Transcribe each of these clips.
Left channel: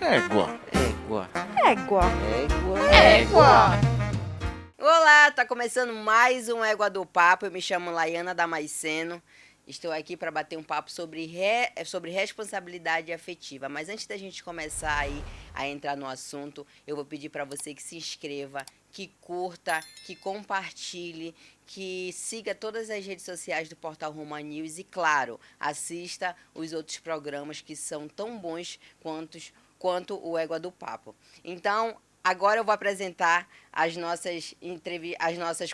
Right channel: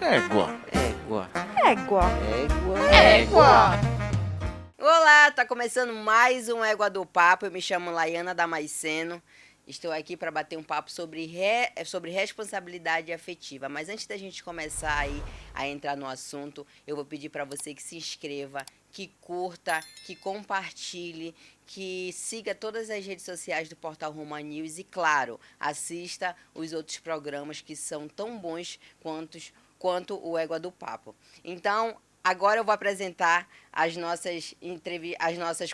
Égua. Égua. Égua. Égua. Égua. Olá, tá começando mais um Égua do Papo. Eu me chamo Laiana Damasceno. Estou aqui para bater um papo sobre responsabilidade afetiva. Mas antes da gente começar aí a entrar no assunto, eu vou pedir para você que se inscreva, que curta, que compartilhe, que siga todas as redes sociais do Portal Roma News e, claro, assista os outros programas que são tão bons quanto o Égua do Papo. Então, agora eu vou apresentar as nossas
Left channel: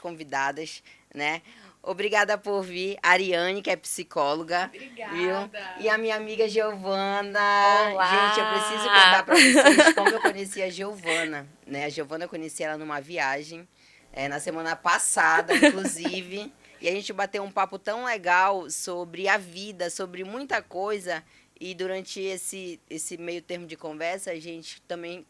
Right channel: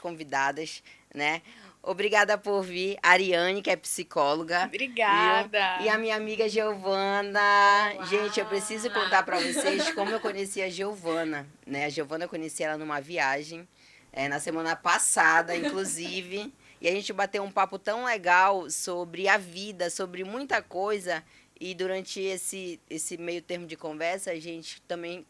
convidadas, né? Obrigada por vir, Ariane, que é psicóloga. Obrigada. Viu? E a minha amiga Giovana. Olá. Gente, eu preciso contar para vocês como eu conheci a Giovana, né? A Giovana eu conheci ela numa viagem, na semana passada, inclusive. E a gente bateu um papo tão legal sobre a vida, sobre muita coisa. E durante esse meio termo de conversa, a gente também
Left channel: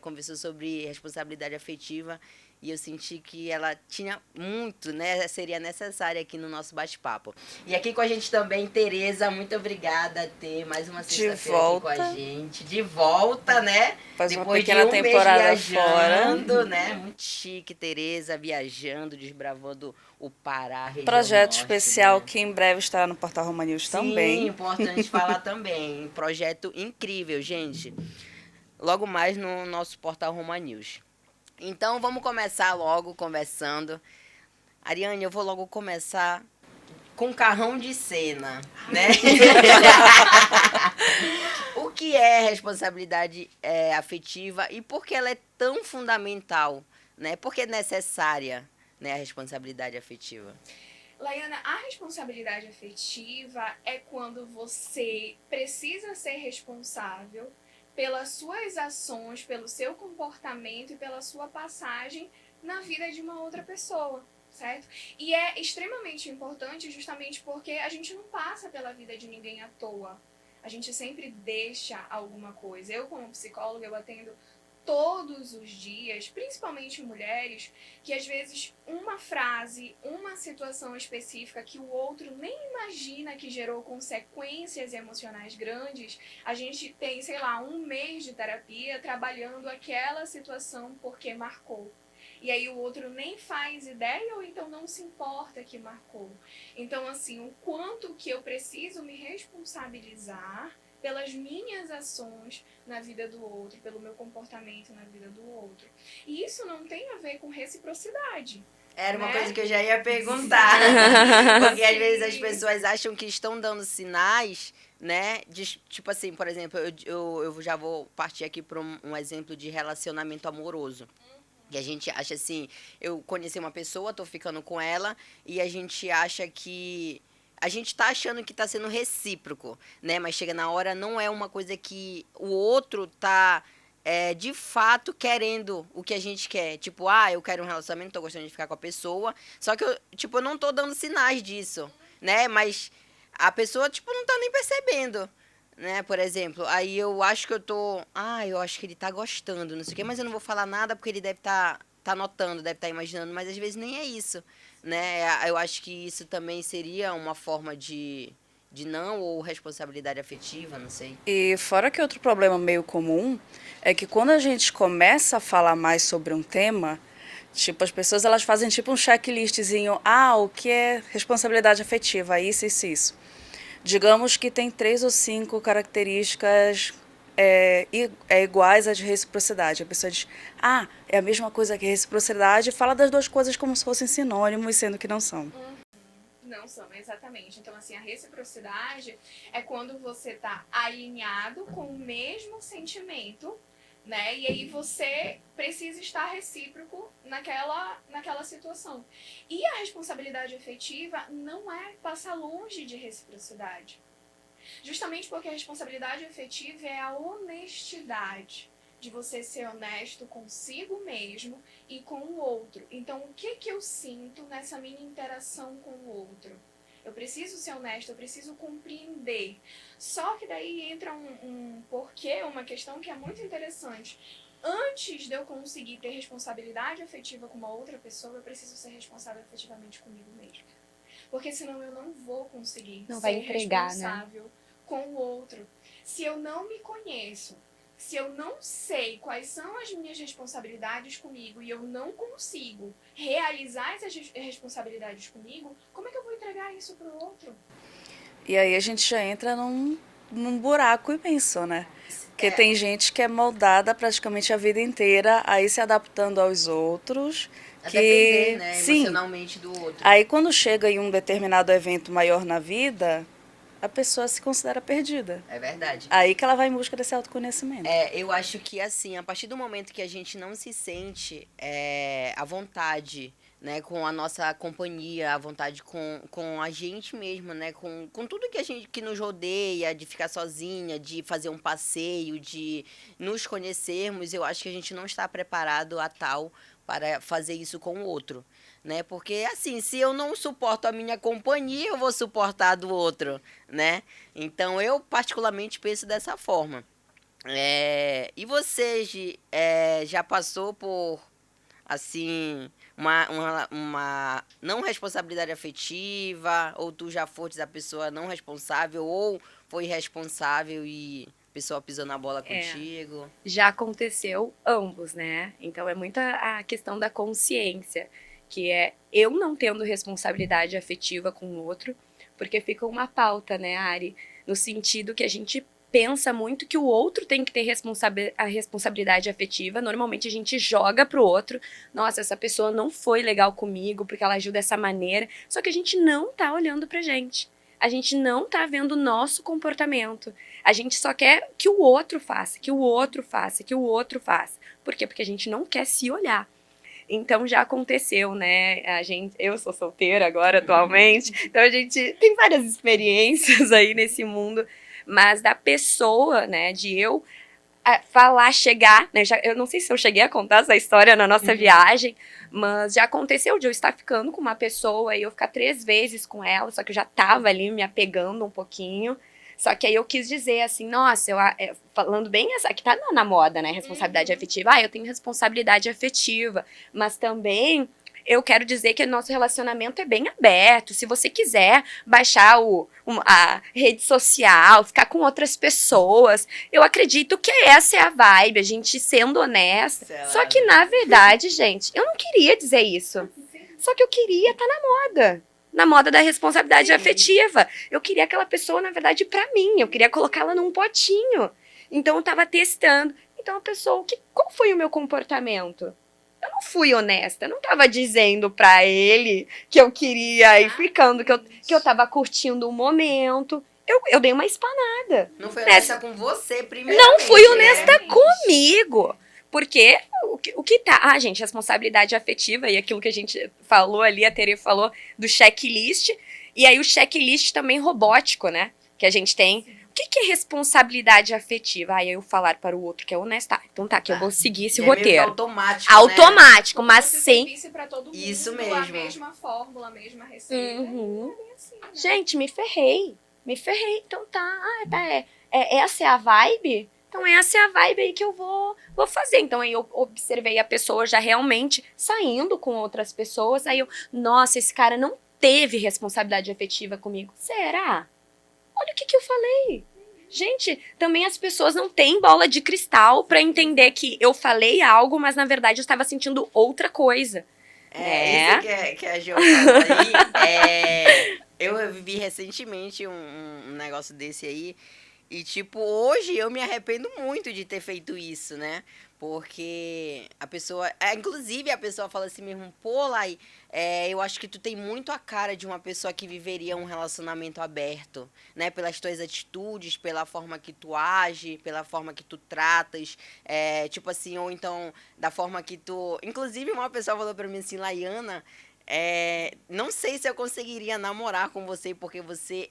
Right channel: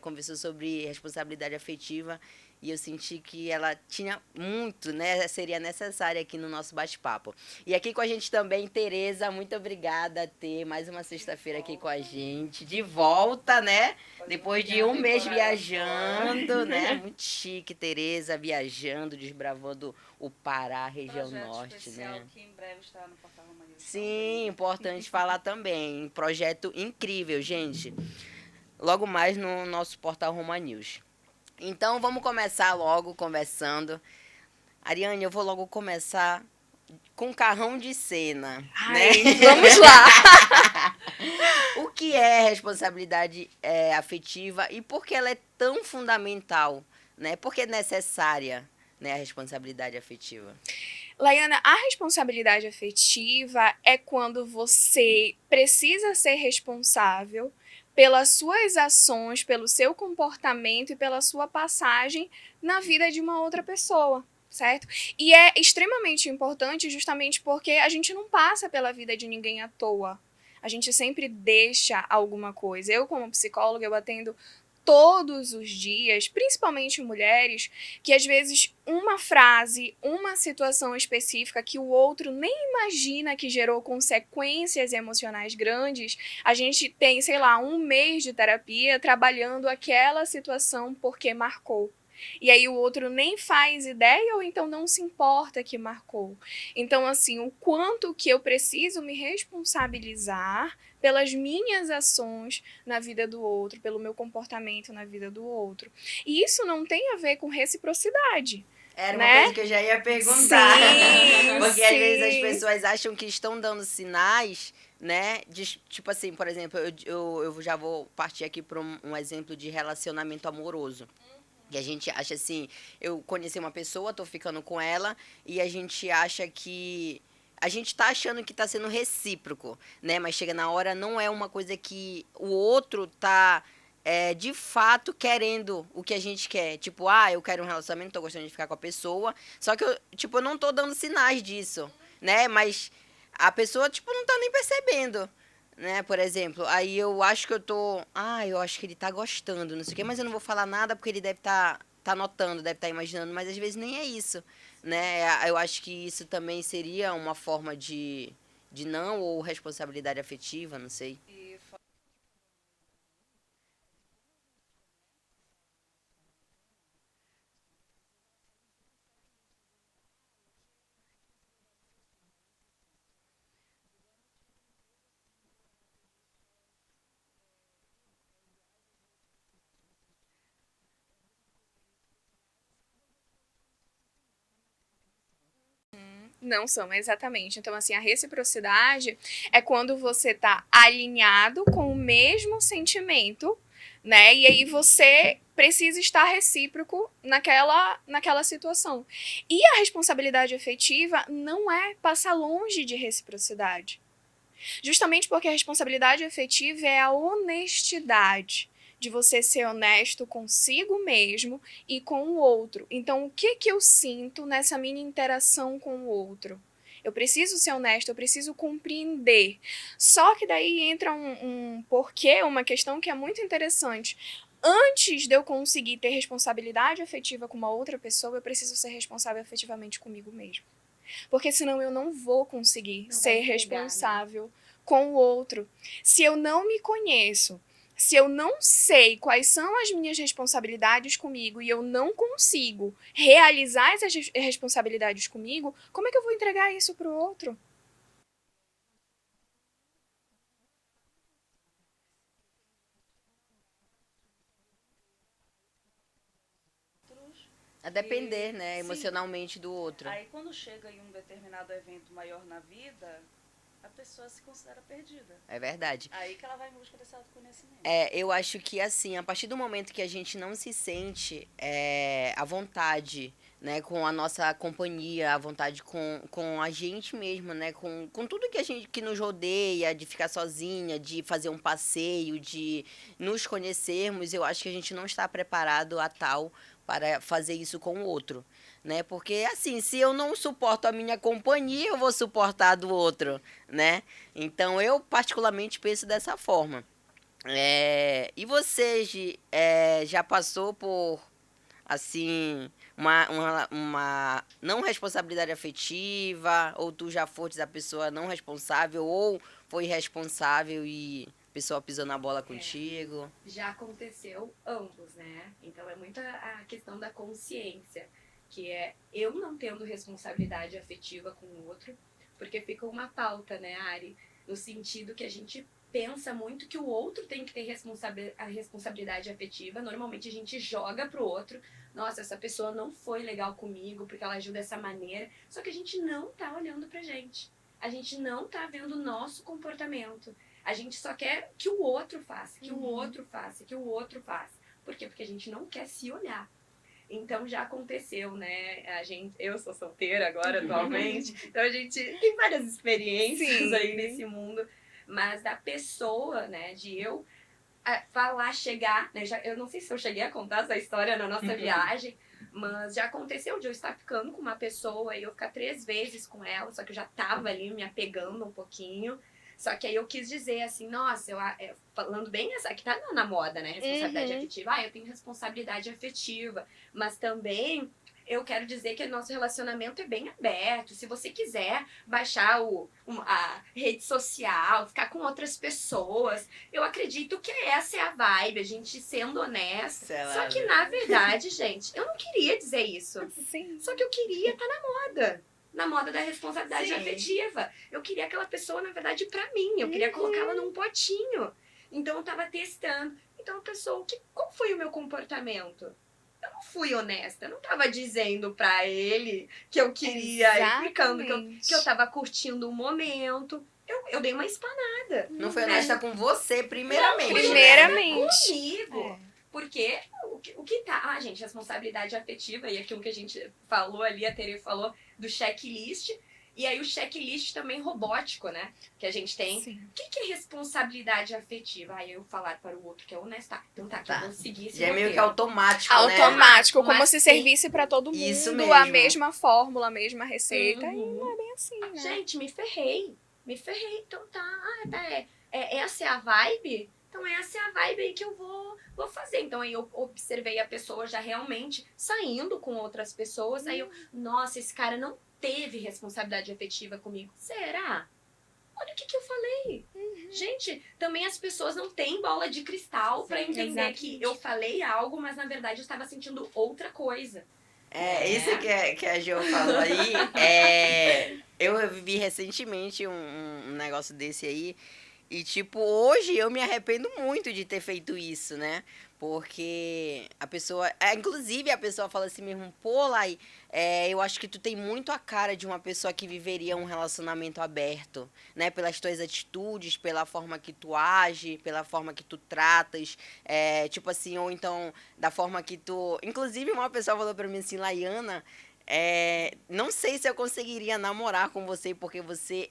conversou sobre responsabilidade afetiva e eu senti que ela tinha muito, né? Seria necessária aqui no nosso bate-papo. E aqui com a gente também, Tereza, muito obrigada a ter mais uma sexta-feira aqui com a gente. De volta, né? Depois de um mês viajando, fora. Né? Muito chique, Tereza, viajando, desbravando o Pará, região Projeto norte, especial, né? que em breve estará no Portal Roma News também. Sim, importante falar também. Projeto incrível, gente. Logo mais no nosso Portal Roma News. Então, vamos começar logo conversando. Ariane, eu vou logo começar com carrão de cena, né? Vamos lá. O que é responsabilidade afetiva e por que ela é tão fundamental, né? Por que é necessária, né, a responsabilidade afetiva? Laiana, a responsabilidade afetiva é quando você precisa ser responsável pelas suas ações, pelo seu comportamento e pela sua passagem na vida de uma outra pessoa, certo? E é extremamente importante justamente porque a gente não passa pela vida de ninguém à toa. A gente sempre deixa alguma coisa. Eu, como psicóloga, eu atendo todos os dias, principalmente mulheres, que às vezes uma frase, uma situação específica que o outro nem imagina que gerou consequências emocionais grandes, a gente tem, sei lá, um mês de terapia trabalhando aquela situação porque marcou. E aí o outro nem faz ideia ou então não se importa que marcou. Então, assim, o quanto que eu preciso me responsabilizar pelas minhas ações na vida do outro, pelo meu comportamento na vida do outro. E isso não tem a ver com reciprocidade. Era uma né? coisa que eu já ia perguntar. Sim, Porque às vezes as sim. pessoas acham que estão dando sinais, né? Tipo assim, por exemplo, eu já vou partir aqui para um exemplo de relacionamento amoroso. E a gente acha assim, eu conheci uma pessoa, tô ficando com ela, e a gente acha que... A gente tá achando que tá sendo recíproco, né? Mas chega na hora, não é uma coisa que o outro tá, de fato, querendo o que a gente quer. Tipo, eu quero um relacionamento, tô gostando de ficar com a pessoa. Só que, eu não tô dando sinais disso, né? Mas a pessoa, não tá nem percebendo, né? Por exemplo, aí eu acho que eu acho que ele tá gostando, não sei o quê, mas eu não vou falar nada porque ele deve tá notando, deve estar imaginando, mas às vezes nem é isso, né? Eu acho que isso também seria uma forma de não ou responsabilidade afetiva, não sei. E fora que outro problema meio comum é que quando a gente começa a falar mais sobre um tema, tipo, as pessoas elas fazem tipo um checklistzinho, o que é responsabilidade afetiva, isso, isso, isso. Digamos que tem 3 ou 5 características iguais à de reciprocidade. A pessoa diz, é a mesma coisa que reciprocidade, e fala das duas coisas como se fossem sinônimos, sendo que não são. Não são, exatamente. Então, assim, a reciprocidade é quando você está alinhado com o mesmo sentimento, né? E aí você precisa estar recíproco naquela situação. E a responsabilidade afetiva não é passar longe de reciprocidade. Justamente porque a responsabilidade afetiva é a honestidade de você ser honesto consigo mesmo e com o outro. Então, o que eu sinto nessa minha interação com o outro? Eu preciso ser honesto, eu preciso compreender. Só que daí entra um porquê, uma questão que é muito interessante. Antes de eu conseguir ter responsabilidade afetiva com uma outra pessoa, eu preciso ser responsável afetivamente comigo mesmo. Porque senão eu não vou conseguir ser responsável com o outro. Se eu não me conheço, Se eu não sei quais são as minhas responsabilidades comigo e eu não consigo realizar essas responsabilidades comigo, como é que eu vou entregar isso pro outro? E aí a gente já entra num buraco imenso, né? Porque tem gente que é moldada praticamente a vida inteira a ir se adaptando aos outros. A que, depender, né, sim, emocionalmente do outro. aí quando chega em um determinado evento maior na vida, a pessoa se considera perdida. É verdade. Aí que ela vai em busca desse autoconhecimento. Eu acho que, assim, a partir do momento que a gente não se sente à vontade, né, com a nossa companhia, à vontade com a gente mesmo, né, com tudo que a gente que nos rodeia, de ficar sozinha, de fazer um passeio, de nos conhecermos, eu acho que a gente não está preparado a tal para fazer isso com o outro, né? Porque, assim, se eu não suporto a minha companhia, eu vou suportar a do outro, né? Então, eu particularmente penso dessa forma. E você, Gi, já passou por, assim, uma não responsabilidade afetiva, ou tu já foste a pessoa não responsável, ou foi responsável e a pessoa pisou na bola contigo? Já aconteceu ambos, né? Então é muita a questão da consciência, que é eu não tendo responsabilidade afetiva com o outro, porque fica uma pauta, né, Ari? No sentido que a gente pensa muito que o outro tem que ter a responsabilidade afetiva. Normalmente a gente joga pro outro. Nossa, essa pessoa não foi legal comigo porque ela agiu dessa maneira. Só que a gente não tá olhando pra gente. A gente não tá vendo o nosso comportamento. A gente só quer que o outro faça, que o outro faça, que o outro faça. Por quê? Porque a gente não quer se olhar. Então já aconteceu, né? Eu sou solteira agora atualmente, então a gente tem várias experiências aí nesse mundo, mas da pessoa, né, de eu falar, chegar, né? Eu não sei se eu cheguei a contar essa história na nossa viagem, mas já aconteceu de eu estar ficando com uma pessoa e eu ficar 3 vezes com ela, só que eu já tava ali me apegando um pouquinho. Só que aí eu quis dizer assim, nossa, falando bem essa, que tá na moda, né, responsabilidade afetiva. Eu tenho responsabilidade afetiva, mas também eu quero dizer que o nosso relacionamento é bem aberto. Se você quiser baixar a rede social, ficar com outras pessoas, eu acredito que essa é a vibe, a gente sendo honesta. Só que, na verdade, gente, eu não queria dizer isso. Sim. Só que eu queria estar na moda da responsabilidade afetiva. Eu queria aquela pessoa, na verdade, pra mim. Eu queria colocá-la num potinho. Então, eu tava testando. Então, a pessoa, qual foi o meu comportamento? Eu não fui honesta. Eu não tava dizendo pra ele que eu queria ir ficando, que eu tava curtindo o momento. Eu dei uma espanada. Não foi honesta com você, primeiramente. Não fui honesta Primeiramente. comigo. Porque o que tá... gente, responsabilidade afetiva e aquilo que a gente falou ali, a Tere falou do checklist. E aí o checklist também robótico, né? Que a gente tem. Sim. O que é responsabilidade afetiva? Eu falar para o outro que é honestar. Então tá, que eu vou seguir esse E é meio que roteiro. automático, né? Automático, Como mas se sem... servisse pra todo mundo Isso a mesmo. mesma fórmula, a mesma receita. Uhum. E não é bem assim, né? Gente, me ferrei. Então tá. Essa é a vibe? Então essa é a vibe aí que eu vou fazer. Então aí eu observei a pessoa já realmente saindo com outras pessoas. Aí nossa, esse cara não teve responsabilidade afetiva comigo. Será? Olha o que eu falei. Gente, também as pessoas não têm bola de cristal pra entender que eu falei algo, mas na verdade eu estava sentindo outra coisa. Isso que a Jo falou aí. Eu vivi recentemente um negócio desse aí. E, tipo, hoje eu me arrependo muito de ter feito isso, né? Porque a pessoa... inclusive, a pessoa fala assim mesmo, pô, Lai, eu acho que tu tem muito a cara de uma pessoa que viveria um relacionamento aberto, né? Pelas tuas atitudes, pela forma que tu age, pela forma que tu tratas, tipo assim, ou então da forma que tu... Inclusive, uma pessoa falou pra mim assim, Laiana, não sei se eu conseguiria namorar com você, porque você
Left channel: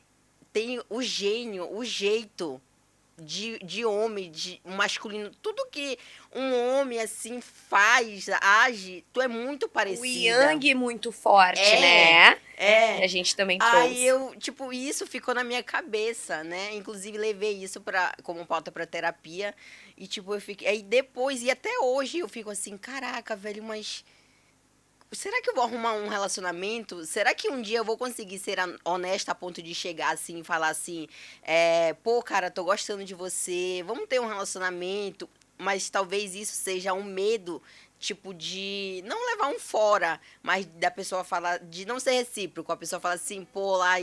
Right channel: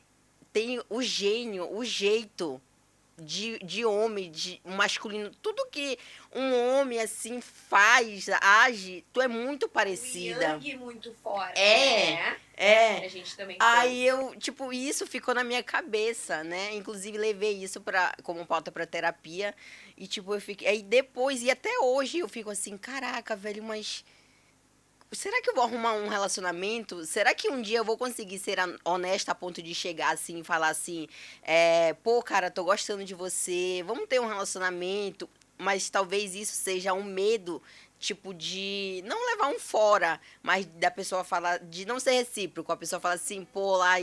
tem o gênio, o jeito de homem, de masculino, tudo que um homem assim faz, age, tu é muito O parecida. yang muito forte, É, né? A gente também Aí trouxe. isso ficou na minha cabeça, né? Inclusive levei isso como pauta pra terapia. E tipo, eu fiquei. Aí depois, e até hoje, eu fico assim, caraca, velho, mas será que eu vou arrumar um relacionamento? Será que um dia eu vou conseguir ser honesta a ponto de chegar assim e falar assim, pô, cara, tô gostando de você, vamos ter um relacionamento, mas talvez isso seja um medo, tipo, de não levar um fora, mas da pessoa falar, de não ser recíproco, a pessoa fala assim, pô, lá,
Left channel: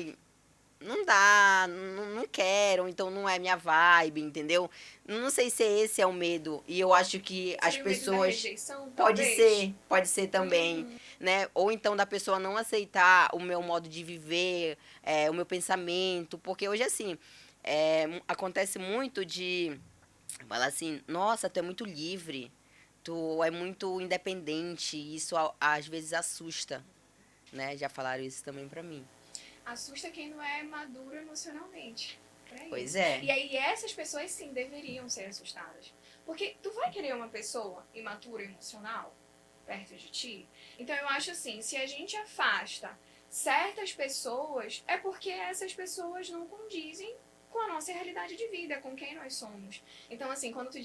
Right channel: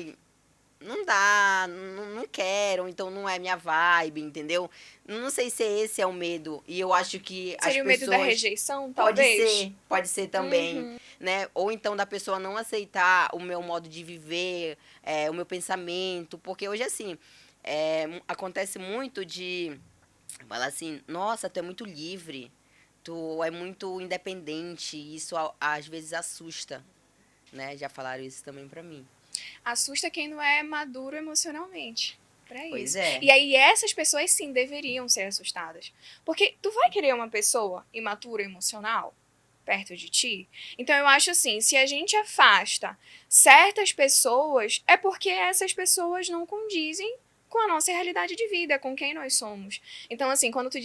não dá, não quero, então não é minha vibe, entendeu? Não sei se esse é o medo, e eu acho que as Seria o medo da pessoas... rejeição, talvez? Pode ser também, né? Ou então da pessoa não aceitar o meu modo de viver, o meu pensamento, porque hoje, assim, acontece muito de falar assim, nossa, tu é muito livre, tu é muito independente, e isso às vezes assusta, né? Já falaram isso também pra mim. Assusta quem não é maduro emocionalmente. Pra Pois isso. é. E aí essas pessoas sim deveriam ser assustadas. Porque tu vai querer uma pessoa imatura emocional perto de ti? Então eu acho assim, se a gente afasta certas pessoas, é porque essas pessoas não condizem com a nossa realidade de vida, com quem nós somos. Então, assim, quando te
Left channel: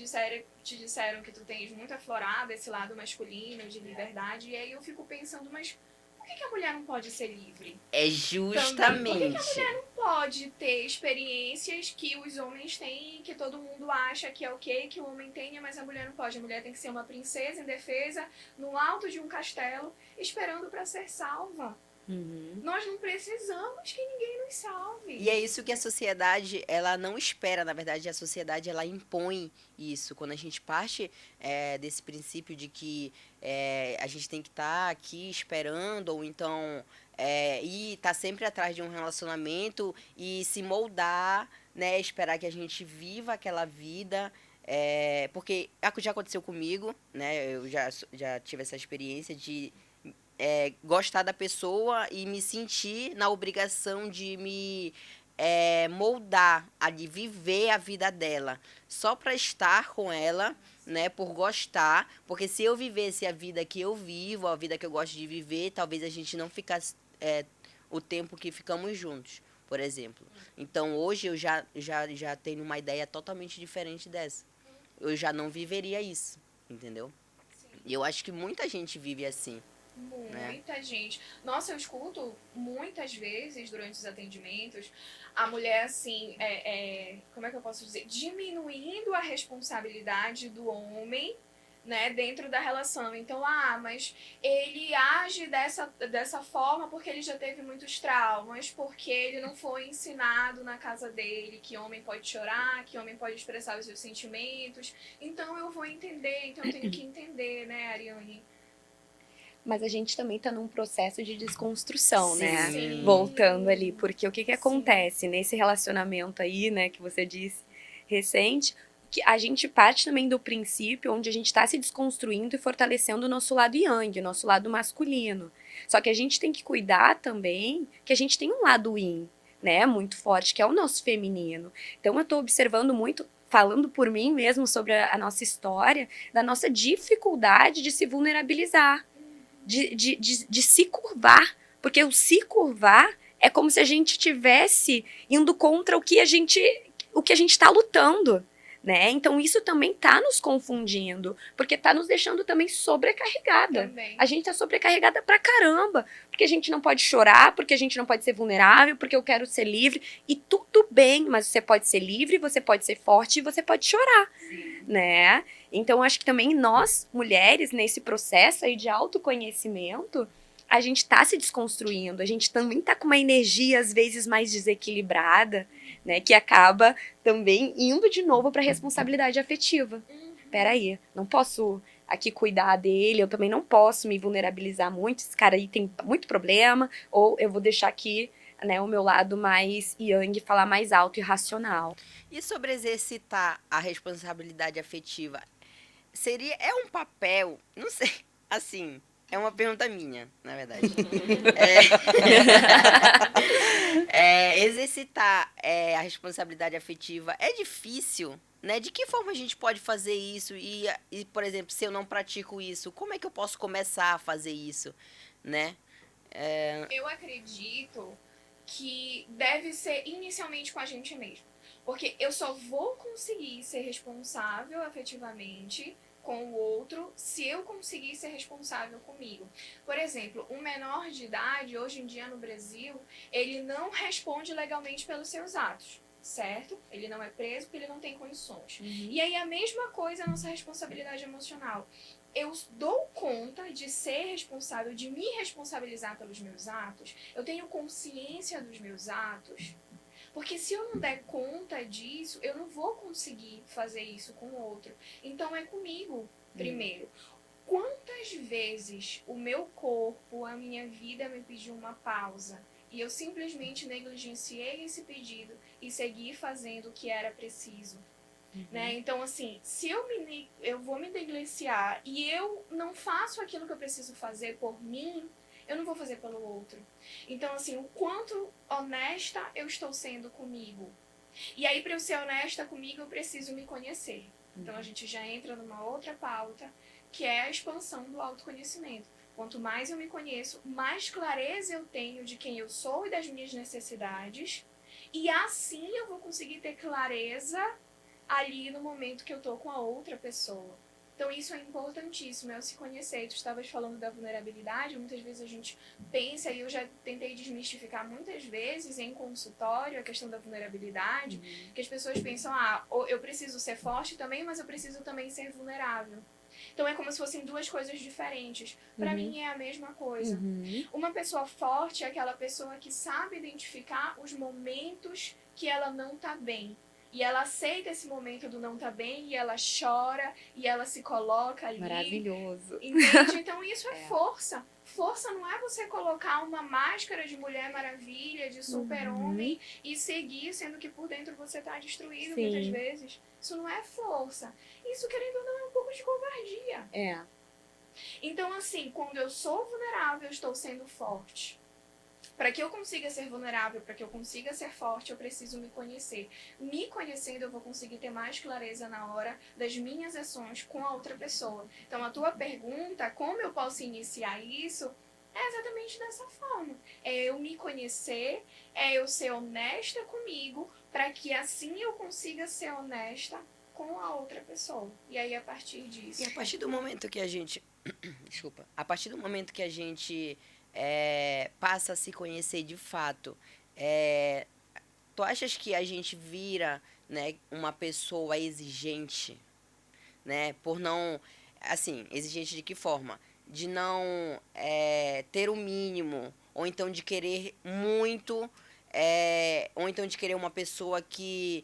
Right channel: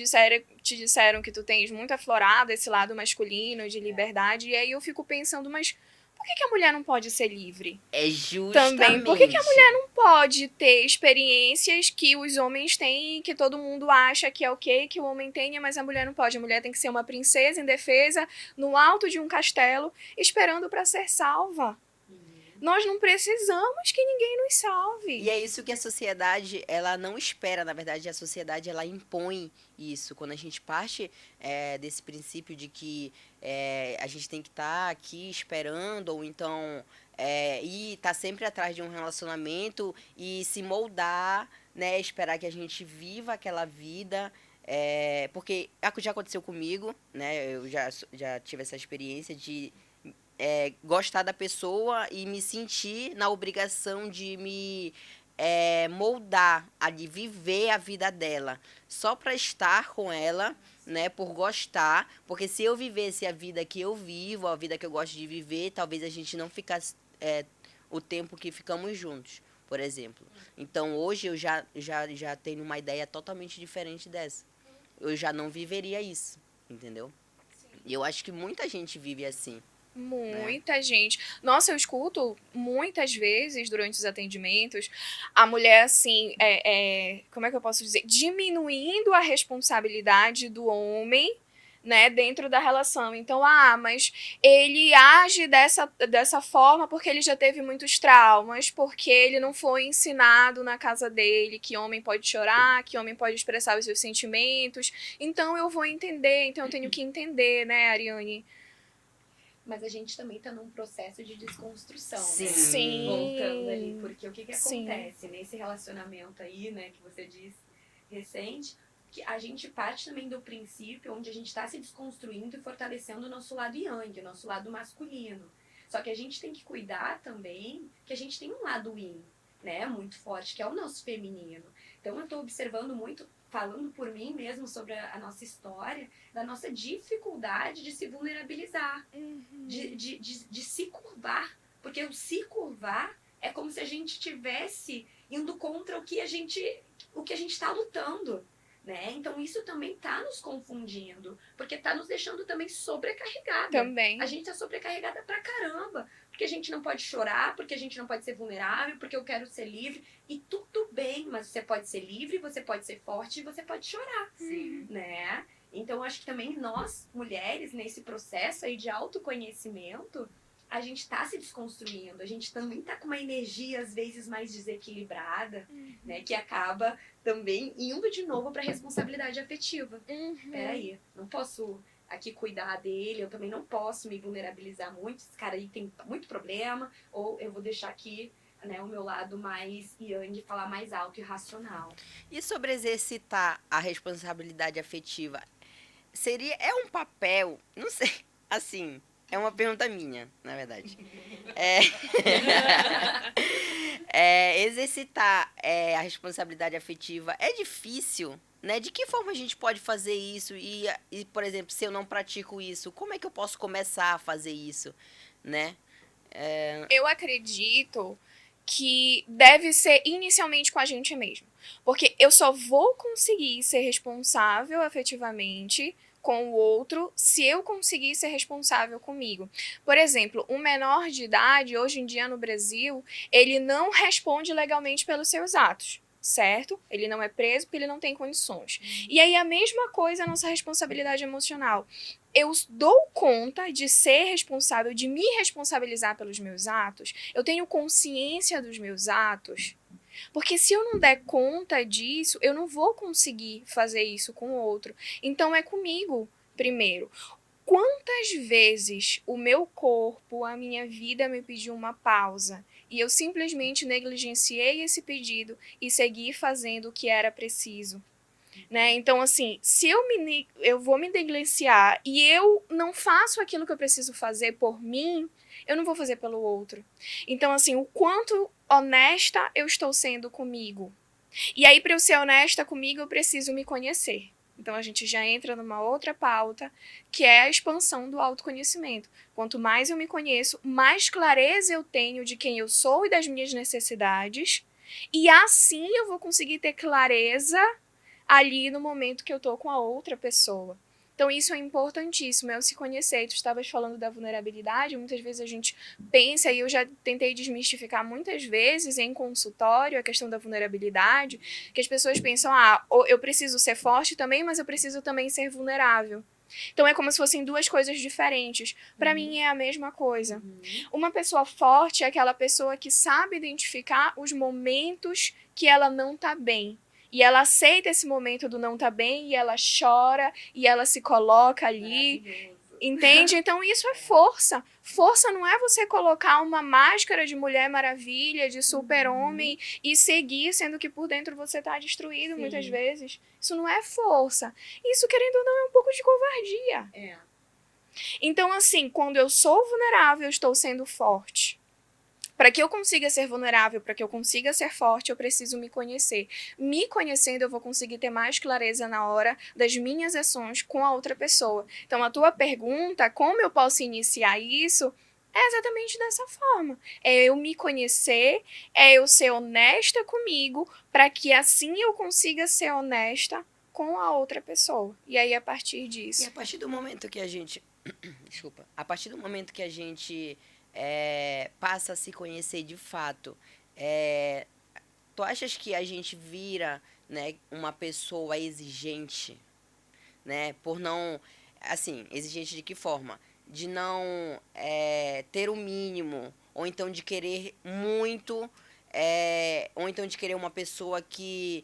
disseram que tu tens muito aflorado esse lado masculino, de liberdade, e aí eu fico pensando, mas por que a mulher não pode ser livre? É Também, por que a mulher justamente. não pode ter experiências que os homens têm, que todo mundo acha que é ok, que o homem tenha, mas a mulher não pode. A mulher tem que ser uma princesa indefesa, no alto de um castelo, esperando para ser salva. Nós não precisamos que ninguém nos salve. E é isso que a sociedade, ela não espera, na verdade, a sociedade, ela impõe isso. Quando a gente parte desse princípio de que a gente tem que estar aqui esperando, ou então ir estar sempre atrás de um relacionamento e se moldar, né, esperar que a gente viva aquela vida, porque já aconteceu comigo, né, eu já tive essa experiência de gostar da pessoa e me sentir na obrigação de me moldar, de viver a vida dela, só para estar com ela, né, por gostar, porque se eu vivesse a vida que eu vivo, a vida que eu gosto de viver, talvez a gente não ficasse o tempo que ficamos juntos, por exemplo. Então, hoje eu já tenho uma ideia totalmente diferente dessa. Eu já não viveria isso, entendeu? E eu acho que muita gente vive assim. Muita gente. Nossa, eu escuto muitas vezes durante os atendimentos a mulher assim, como é que eu posso dizer? Diminuindo a responsabilidade do homem, né, dentro da relação. Então, mas ele age dessa forma porque ele já teve muitos traumas, porque ele não foi ensinado na casa dele que homem pode chorar, que homem pode expressar os seus sentimentos. Então, eu vou entender, então eu tenho que entender, né, Ariane? Mas a gente também tá num processo de desconstrução, né? Sim. Voltando ali, porque o que Sim. acontece nesse relacionamento aí, né, que você disse, recente, que a gente parte também do princípio onde a gente tá se desconstruindo e fortalecendo o nosso lado yang, o nosso lado masculino. Só que a gente tem que cuidar também que a gente tem um lado yin, né, muito forte, que é o nosso feminino. Então eu tô observando muito, falando por mim mesmo sobre a nossa história, da nossa dificuldade de se vulnerabilizar. De se curvar, porque o se curvar é como se a gente estivesse indo contra o que a gente está lutando, né? Então isso também tá nos confundindo, porque tá nos deixando também sobrecarregada. Também. A gente tá sobrecarregada pra caramba, porque a gente não pode chorar, porque a gente não pode ser vulnerável, porque eu quero ser livre, e tudo bem, mas você pode ser livre, você pode ser forte e você pode chorar, né? Então, acho que também nós, mulheres, nesse processo aí de autoconhecimento, a gente tá se desconstruindo, a gente também tá com uma energia, às vezes, mais desequilibrada, né? Que acaba também indo de novo pra responsabilidade afetiva. Peraí, não posso aqui cuidar dele, eu também não posso me vulnerabilizar muito, esse cara aí tem muito problema, ou eu vou deixar aqui, né, o meu lado mais yang falar mais alto e racional. E sobre exercitar a responsabilidade afetiva, é um papel, não sei, assim, é uma pergunta minha, na verdade. Exercitar a responsabilidade afetiva é difícil, né? De que forma a gente pode fazer isso? E, por exemplo, se eu não pratico isso, como é que eu posso começar a fazer isso, né? Eu acredito que deve ser inicialmente com a gente mesmo. Porque eu só vou conseguir ser responsável afetivamente com o outro se eu conseguir ser responsável comigo. Por exemplo, um menor de idade, hoje em dia no Brasil, ele não responde legalmente pelos seus atos, certo? Ele não é preso porque ele não tem condições. E aí a mesma coisa a nossa responsabilidade emocional. Eu dou conta de ser responsável, de me responsabilizar pelos meus atos, eu tenho consciência dos meus atos, porque se eu não der conta disso, eu não vou conseguir fazer isso com o outro. Então é comigo primeiro. Quantas vezes o meu corpo, a minha vida me pediu uma pausa e eu simplesmente negligenciei esse pedido e segui fazendo o que era preciso? Né? Então, assim, se eu vou me negligenciar e eu não faço aquilo que eu preciso fazer por mim, eu não vou fazer pelo outro. Então, assim, o quanto honesta eu estou sendo comigo. E aí, para eu ser honesta comigo, eu preciso me conhecer. Então, a gente já entra numa outra pauta, que é a expansão do autoconhecimento. Quanto mais eu me conheço, mais clareza eu tenho de quem eu sou e das minhas necessidades. E assim eu vou conseguir ter clareza ali no momento que eu tô com a outra pessoa. Então isso é importantíssimo, é o se conhecer. Tu estavas falando da vulnerabilidade, muitas vezes a gente pensa, e eu já tentei desmistificar muitas vezes em consultório a questão da vulnerabilidade, que as pessoas pensam, eu preciso ser forte também, mas eu preciso também ser vulnerável. Então é como se fossem duas coisas diferentes. Para mim é a mesma coisa. Uma pessoa forte é aquela pessoa que sabe identificar os momentos que ela não tá bem. E ela aceita esse momento do não tá bem, e ela chora, e ela se coloca ali. Maravilhoso. Entende? Então isso é força. Força não é você colocar uma máscara de Mulher Maravilha, de super-homem, e seguir, sendo que por dentro você tá destruído muitas vezes. Isso não é força. Isso, querendo ou não, é um pouco de covardia. É. Então, assim, quando eu sou vulnerável, eu estou sendo forte. Para que eu consiga ser vulnerável, para que eu consiga ser forte, eu preciso me conhecer. Me conhecendo, eu vou conseguir ter mais clareza na hora das minhas ações com a outra pessoa. Então, a tua pergunta, como eu posso iniciar isso, é exatamente dessa forma. É eu me conhecer, é eu ser honesta comigo, para que assim eu consiga ser honesta com a outra pessoa. E aí, a partir disso... E a partir do momento que a gente... Desculpa. A partir do momento que a gente... passa a se conhecer de fato. Tu achas que a gente vira, né, uma pessoa exigente, né, por não, assim, exigente de que forma? De não ter o mínimo, ou então de querer muito, ou então de querer uma pessoa que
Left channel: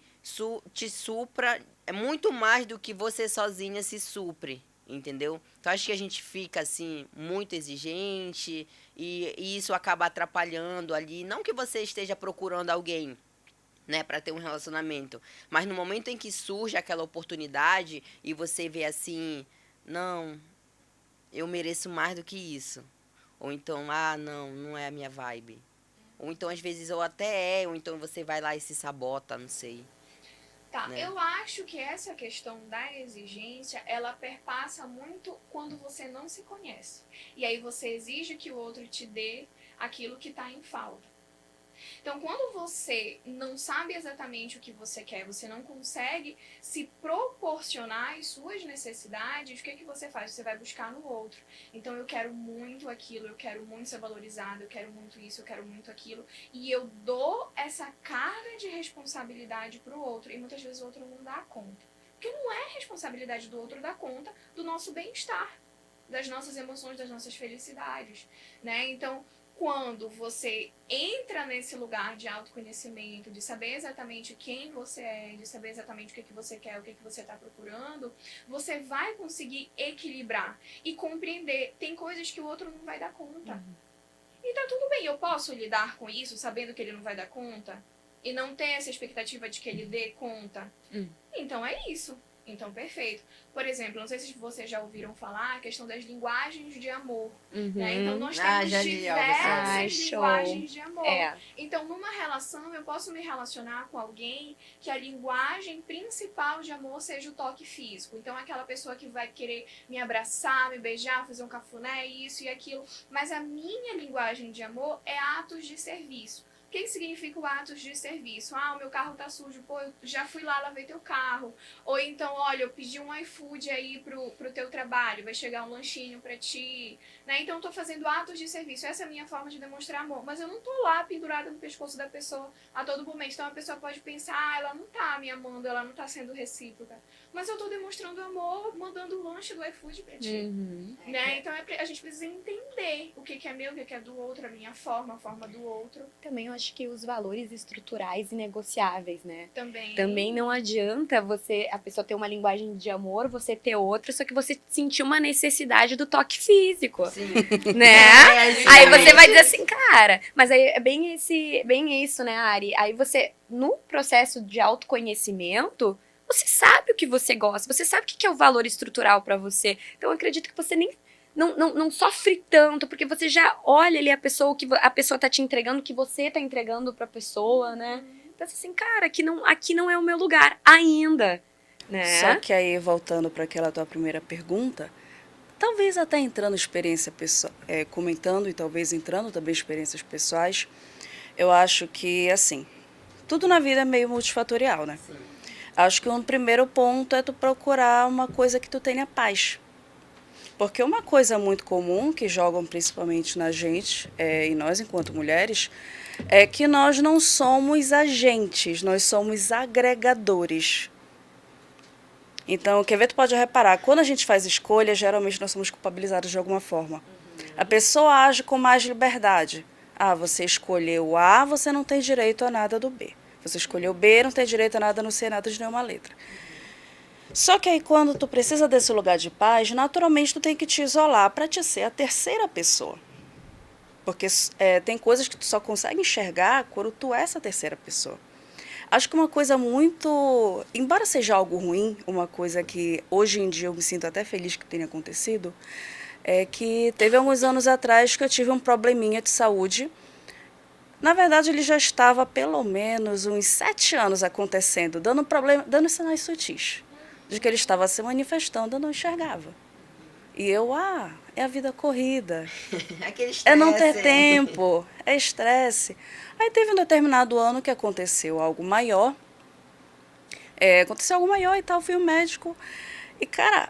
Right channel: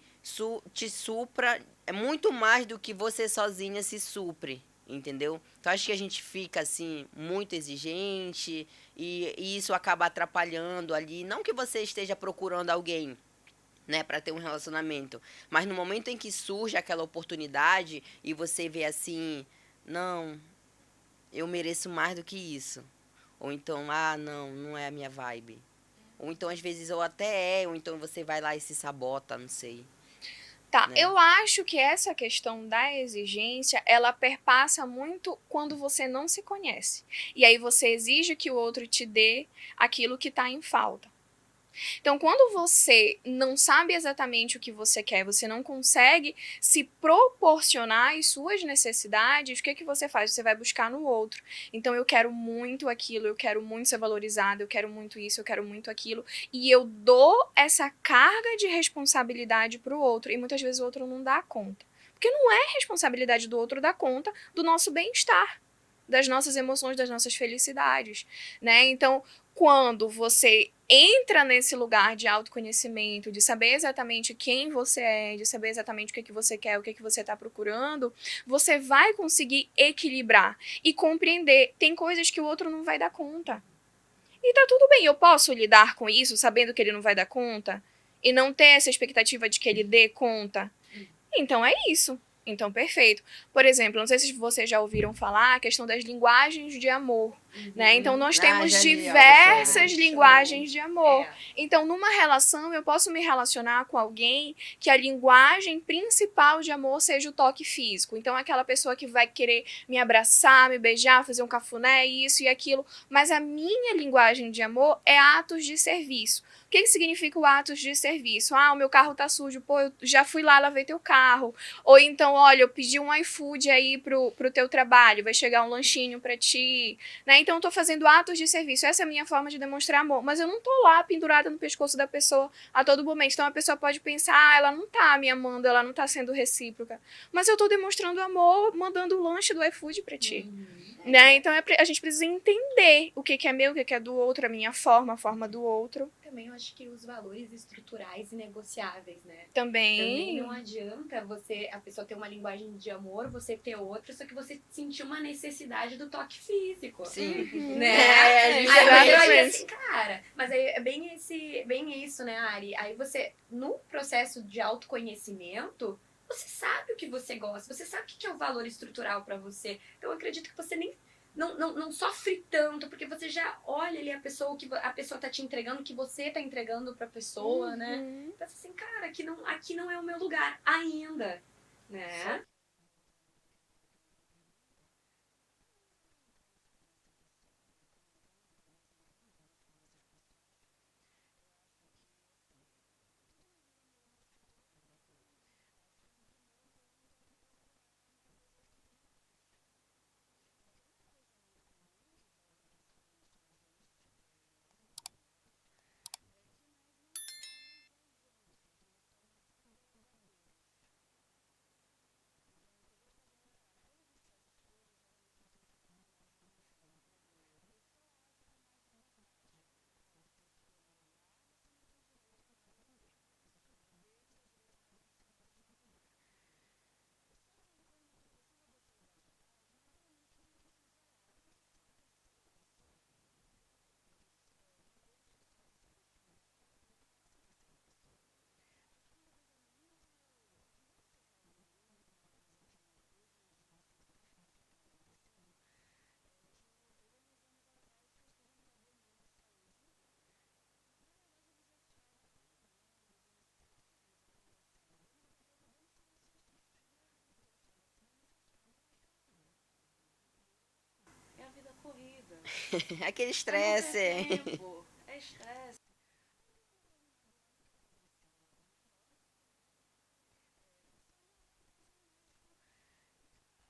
te supra muito mais do que você sozinha se supre. Entendeu? Então, acho que a gente fica, assim, muito exigente e isso acaba atrapalhando ali. Não que você esteja procurando alguém, né, para ter um relacionamento, mas no momento em que surge aquela oportunidade e você vê assim, não, eu mereço mais do que isso. Ou então, não é a minha vibe. Ou então, às vezes, ou então você vai lá e se sabota, não sei. Tá, Né? eu acho que essa questão da exigência, ela perpassa muito quando você não se conhece. E aí você exige que o outro te dê aquilo que está em falta. Então, quando você não sabe exatamente o que você quer, você não consegue se proporcionar as suas necessidades, o que você faz? Você vai buscar no outro. Então, eu quero muito aquilo, eu quero muito ser valorizado, eu quero muito isso, eu quero muito aquilo. E eu dou essa carga de responsabilidade para o outro. E muitas vezes o outro não dá conta. Porque não é responsabilidade do outro dar conta do nosso bem-estar, das nossas emoções, das nossas felicidades, né? Então, quando você entra nesse lugar de autoconhecimento, de saber exatamente quem você é, de saber exatamente o que você quer, o que você está procurando, você vai conseguir equilibrar e compreender. Tem coisas que o outro não vai dar conta. E tá tudo bem, eu posso lidar com isso, sabendo que ele não vai dar conta, e não ter essa expectativa de que ele dê conta. Então é isso. Então, perfeito. Por exemplo, não sei se vocês já ouviram falar a questão das linguagens de amor, né? Então, nós temos já li diversas algo sobre. linguagens de amor. É. Então, numa relação, eu posso me relacionar com alguém que a linguagem principal de amor seja o toque físico. Então, aquela pessoa que vai querer me abraçar, me beijar, fazer um cafuné, isso e aquilo. Mas a minha linguagem de amor é atos de serviço. O que significa o atos de serviço? Ah, o meu carro tá sujo, pô, eu já fui lá, lavei teu carro. Ou então, olha, eu pedi um iFood aí pro teu trabalho, vai chegar um lanchinho pra ti, né? Então eu tô fazendo atos de serviço, essa é a minha forma de demonstrar amor. Mas eu não tô lá pendurada no pescoço da pessoa a todo momento. Então a pessoa pode pensar, ah, ela não tá me amando, ela não tá sendo recíproca. Mas eu tô demonstrando amor mandando o lanche do iFood pra ti. Né? Então a gente precisa entender o que é meu, o que é do outro, a minha forma, a forma do outro. Também eu acho que os valores estruturais e negociáveis, né? Também. Também não adianta a pessoa ter uma linguagem de amor, você ter outra, só que você sentir uma necessidade do toque físico. Sim. Né? Aí você vai dizer assim, cara, mas aí é bem isso, né, Ari? Aí você, no processo de autoconhecimento, você sabe o que você gosta, você sabe o que é o valor estrutural pra você. Então eu acredito que você nem não sofre tanto, porque você já olha ali a pessoa, o que a pessoa tá te entregando, o que você tá entregando pra pessoa, né? Pensa assim, cara, aqui não é o meu lugar ainda, né? Só que aí, voltando para aquela tua primeira pergunta, talvez até entrando experiência pessoal, comentando e talvez entrando também experiências pessoais, eu acho que, assim, tudo na vida é meio multifatorial, né? Sim. Acho que um primeiro ponto é tu procurar uma coisa que tu tenha paz. Porque uma coisa muito comum que jogam principalmente na gente, e nós enquanto mulheres, é que nós não somos agentes, nós somos agregadores. Então, quer ver, tu pode reparar, quando a gente faz escolha, geralmente nós somos culpabilizados de alguma forma. A pessoa age com mais liberdade. Ah, você escolheu A, você não tem direito a nada do B. Você escolheu B, não tem direito a nada no C, nada de nenhuma letra. Só que aí, quando tu precisa desse lugar de paz, naturalmente tu tem que te isolar para te ser a terceira pessoa. Porque tem coisas que tu só consegue enxergar quando tu é essa terceira pessoa. Acho que uma coisa muito... Embora seja algo ruim, uma coisa que hoje em dia eu me sinto até feliz que tenha acontecido, é que teve alguns anos atrás que eu tive um probleminha de saúde. Na verdade, ele já estava há pelo menos uns 7 anos acontecendo, dando sinais sutis de que ele estava se manifestando, eu não enxergava. E eu, é a vida corrida. Aquele É estresse. não ter tempo, é estresse. Aí teve um determinado ano que aconteceu algo maior. Aconteceu algo maior e tal, fui ao médico. E, cara,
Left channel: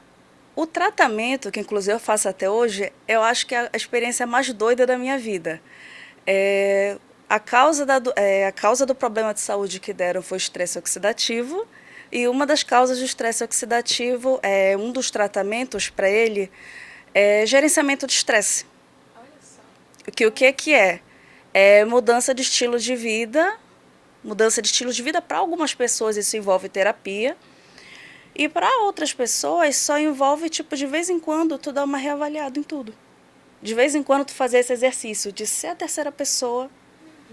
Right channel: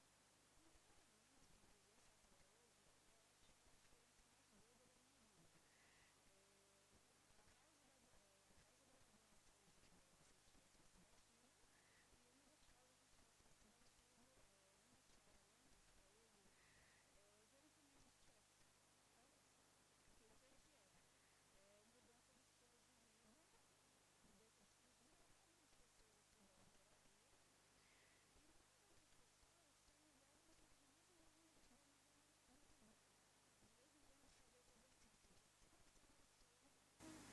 o tratamento, que inclusive eu faço até hoje, eu acho que é a experiência mais doida da minha vida. A causa do problema de saúde que deram foi o estresse oxidativo. E uma das causas do estresse oxidativo, um dos tratamentos para ele, é gerenciamento de estresse. O que é? É mudança de estilo de vida. Mudança de estilo de vida, para algumas pessoas isso envolve terapia. E para outras pessoas só envolve, tipo, de vez em quando tu dá uma reavaliada em tudo. De vez em quando tu fazer esse exercício de ser a terceira pessoa,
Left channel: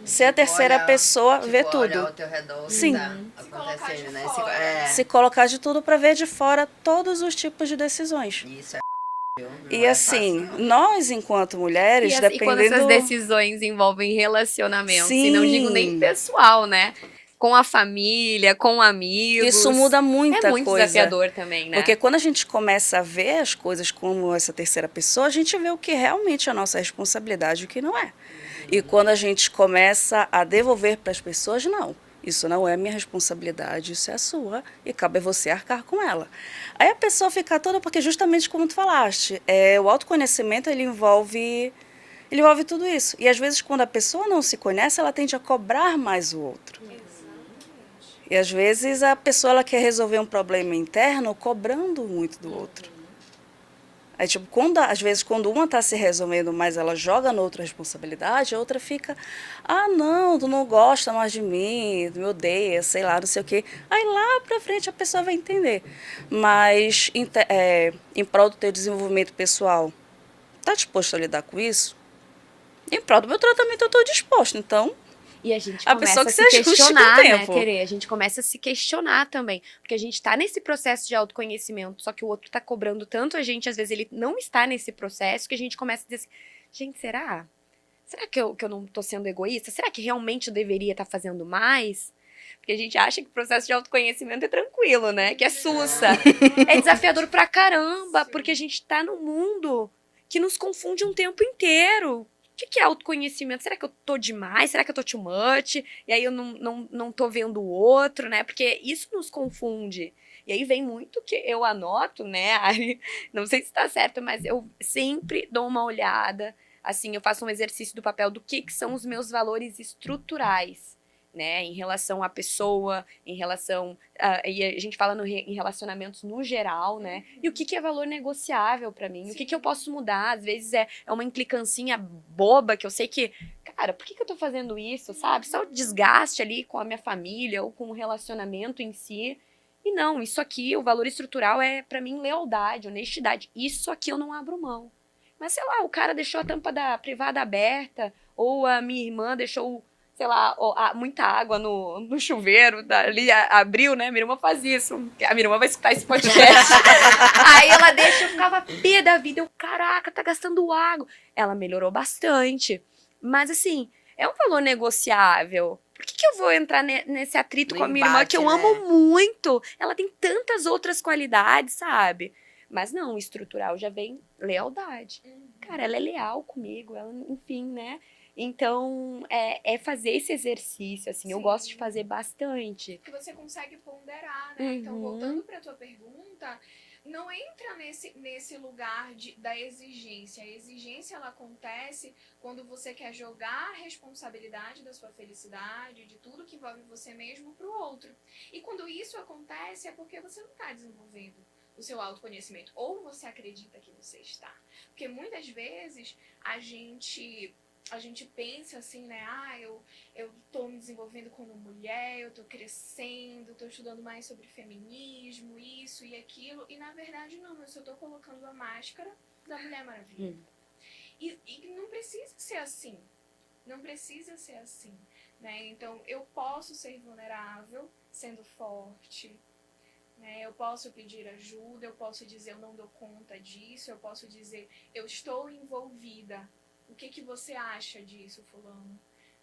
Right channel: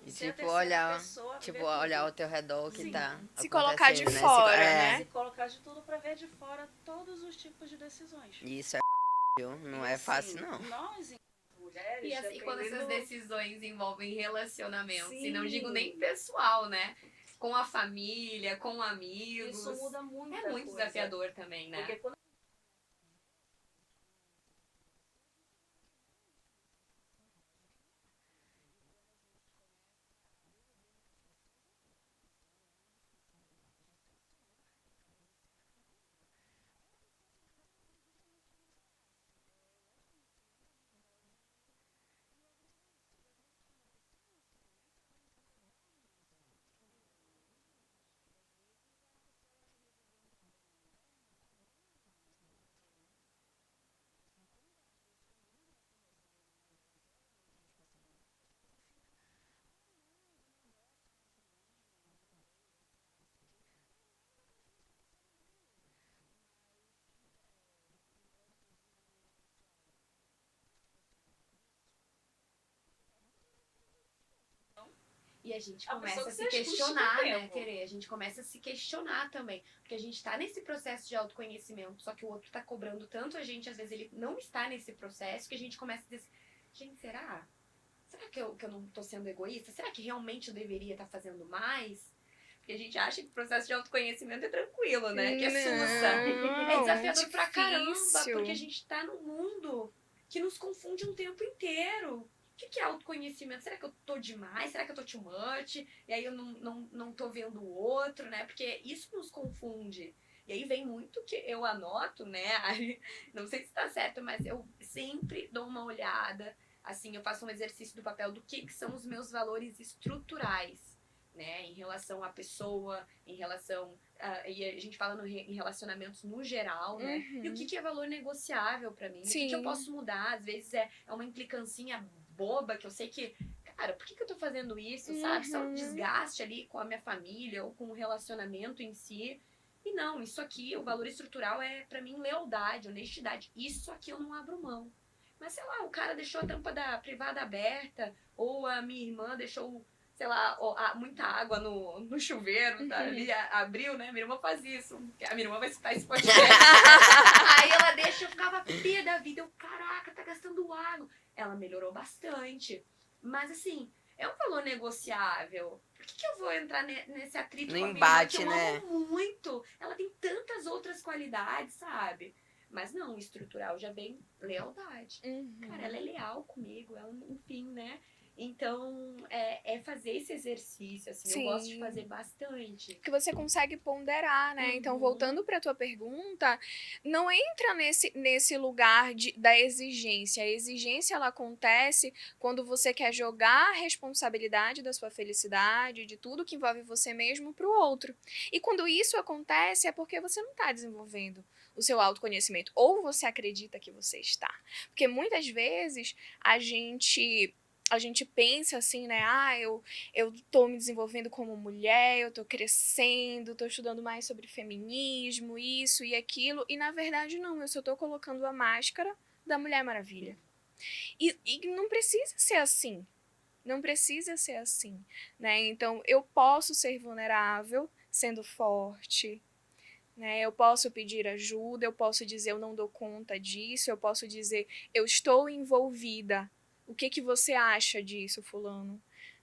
ser a terceira pessoa, ver tudo. Olhar ao teu redor, Sim. Se colocar de né? fora, né? Se colocar de tudo para ver de fora todos os tipos de decisões. Isso viu? Não E é assim, fácil, não. nós enquanto mulheres, E quando essas dependendo... decisões envolvem relacionamentos, e não digo nem Sim. pessoal, né? Com a família, com amigos. Isso muda muita É muito coisa. desafiador também, né? Porque quando a gente começa a ver as coisas como essa terceira pessoa, a gente vê o que realmente é a nossa responsabilidade e o que não é. E quando a gente começa a devolver para as pessoas, não. Isso não é minha responsabilidade, isso é a sua, e cabe a você arcar com ela. Aí a pessoa fica toda, porque justamente como tu falaste, o autoconhecimento ele envolve tudo isso. E às vezes quando a pessoa não se conhece, ela tende a cobrar mais o outro. E às vezes a pessoa ela quer resolver um problema interno cobrando muito do outro. Aí, tipo, às vezes, quando uma está se resolvendo mais, ela joga na outra responsabilidade, a outra fica, não, tu não gosta mais de mim, tu me odeia, sei lá, não sei o quê. Aí lá pra frente a pessoa vai entender. Mas em prol do teu desenvolvimento pessoal, tá disposto a lidar com isso? Em prol do meu tratamento eu estou disposta, então... E a gente A começa pessoa que a se se ajuste com o questionar, né, tempo. Tere? A gente começa a se questionar também. Porque a gente tá nesse processo de autoconhecimento, só que o outro tá cobrando tanto a gente, às vezes ele não está nesse processo, que a gente começa a dizer assim, gente, será? Será que eu não tô sendo egoísta? Será que realmente eu deveria estar fazendo mais? Porque a gente acha que o processo de autoconhecimento é tranquilo, né? Que é sussa. É desafiador pra caramba, porque a gente tá num mundo que nos confunde um tempo inteiro. que é autoconhecimento? Será que eu tô demais? Será que eu tô too much? E aí eu não tô vendo o outro, né? Porque isso nos confunde. E aí vem muito que eu anoto, né, Ari? Não sei se tá certo, mas eu sempre dou uma olhada. Assim, eu faço um exercício do papel do que são os meus valores estruturais, né? Em relação à pessoa, em relação. E a gente fala em relacionamentos no geral, né? E o que é valor negociável pra mim? O que eu Sim. posso mudar? Às vezes é uma implicância boba que eu sei que. Cara, por que eu tô fazendo isso, sabe? Só o desgaste ali com a minha família ou com o relacionamento em si. E não, isso aqui, o valor estrutural é pra mim lealdade, honestidade. Isso aqui eu não abro mão. Mas sei lá, o cara deixou a tampa da privada aberta, ou a minha irmã deixou, sei lá, muita água no chuveiro, ali abriu, né? Minha irmã faz isso. A minha irmã vai escutar esse podcast. Aí ela deixa, eu ficava pé da vida. Eu, caraca, tá gastando água. Ela melhorou bastante. Mas assim, é um valor negociável. Por que eu vou entrar nesse atrito No com a minha irmã, que embate, eu né? amo muito? Ela tem tantas outras qualidades, sabe? Mas não, o estrutural já vem lealdade. Cara, ela é leal comigo, ela, enfim, né? Então, é fazer esse exercício, assim, eu gosto de Sim. fazer bastante. Que você consegue ponderar, né? Então, voltando para tua pergunta, não entra nesse lugar da exigência. A exigência, ela acontece quando você quer jogar a responsabilidade da sua felicidade, de tudo que envolve você mesmo, para o outro. E quando isso acontece, é porque você não está desenvolvendo o seu autoconhecimento, ou você acredita que você está. Porque muitas vezes a gente pensa assim, né? Eu tô me desenvolvendo como mulher, eu tô crescendo, tô estudando mais sobre feminismo, isso e aquilo. E na verdade não, eu só tô colocando a máscara da Mulher Maravilha. E não precisa ser assim. Não precisa ser assim, né? Então, eu posso ser vulnerável sendo forte, né? Eu posso pedir ajuda, eu posso dizer eu não dou conta disso, eu posso dizer eu estou envolvida. O que você acha disso, fulano?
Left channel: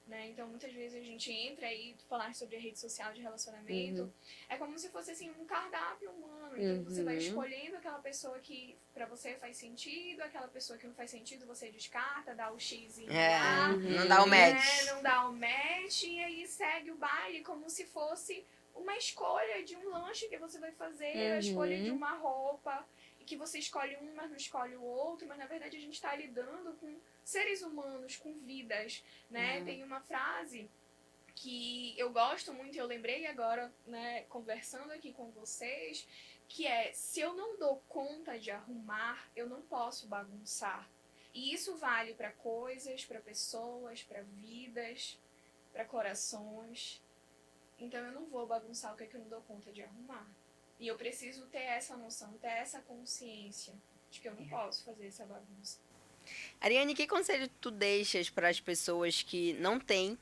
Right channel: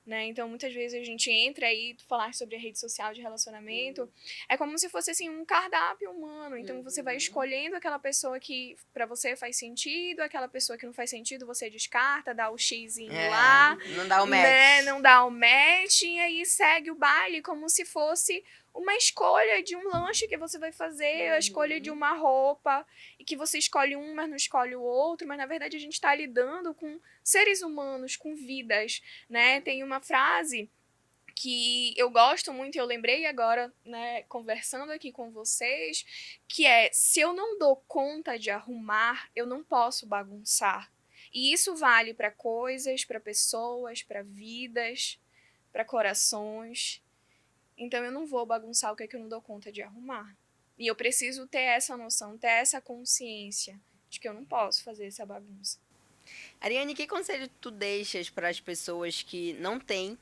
Né? Então, muitas vezes a gente entra aí, falar sobre a rede social de relacionamento, é como se fosse assim um cardápio humano. Então, você vai escolhendo aquela pessoa que para você faz sentido, aquela pessoa que não faz sentido, você descarta, dá o xizinho lá, Não dá o match. né? Não dá o match, e aí segue o baile como se fosse uma escolha de um lanche que você vai fazer, a escolha de uma roupa, e que você escolhe um, mas não escolhe o outro, mas na verdade a gente está lidando com seres humanos, com vidas, né? Tem uma frase que eu gosto muito, eu lembrei agora, né, conversando aqui com vocês, que é: se eu não dou conta de arrumar, eu não posso bagunçar. E isso vale para coisas, para pessoas, para vidas, para corações. Então eu não vou bagunçar o que é que eu não dou conta de arrumar. E eu preciso ter essa noção, ter essa consciência de que eu não posso fazer essa bagunça. Ariane, que conselho tu deixas para as pessoas que não têm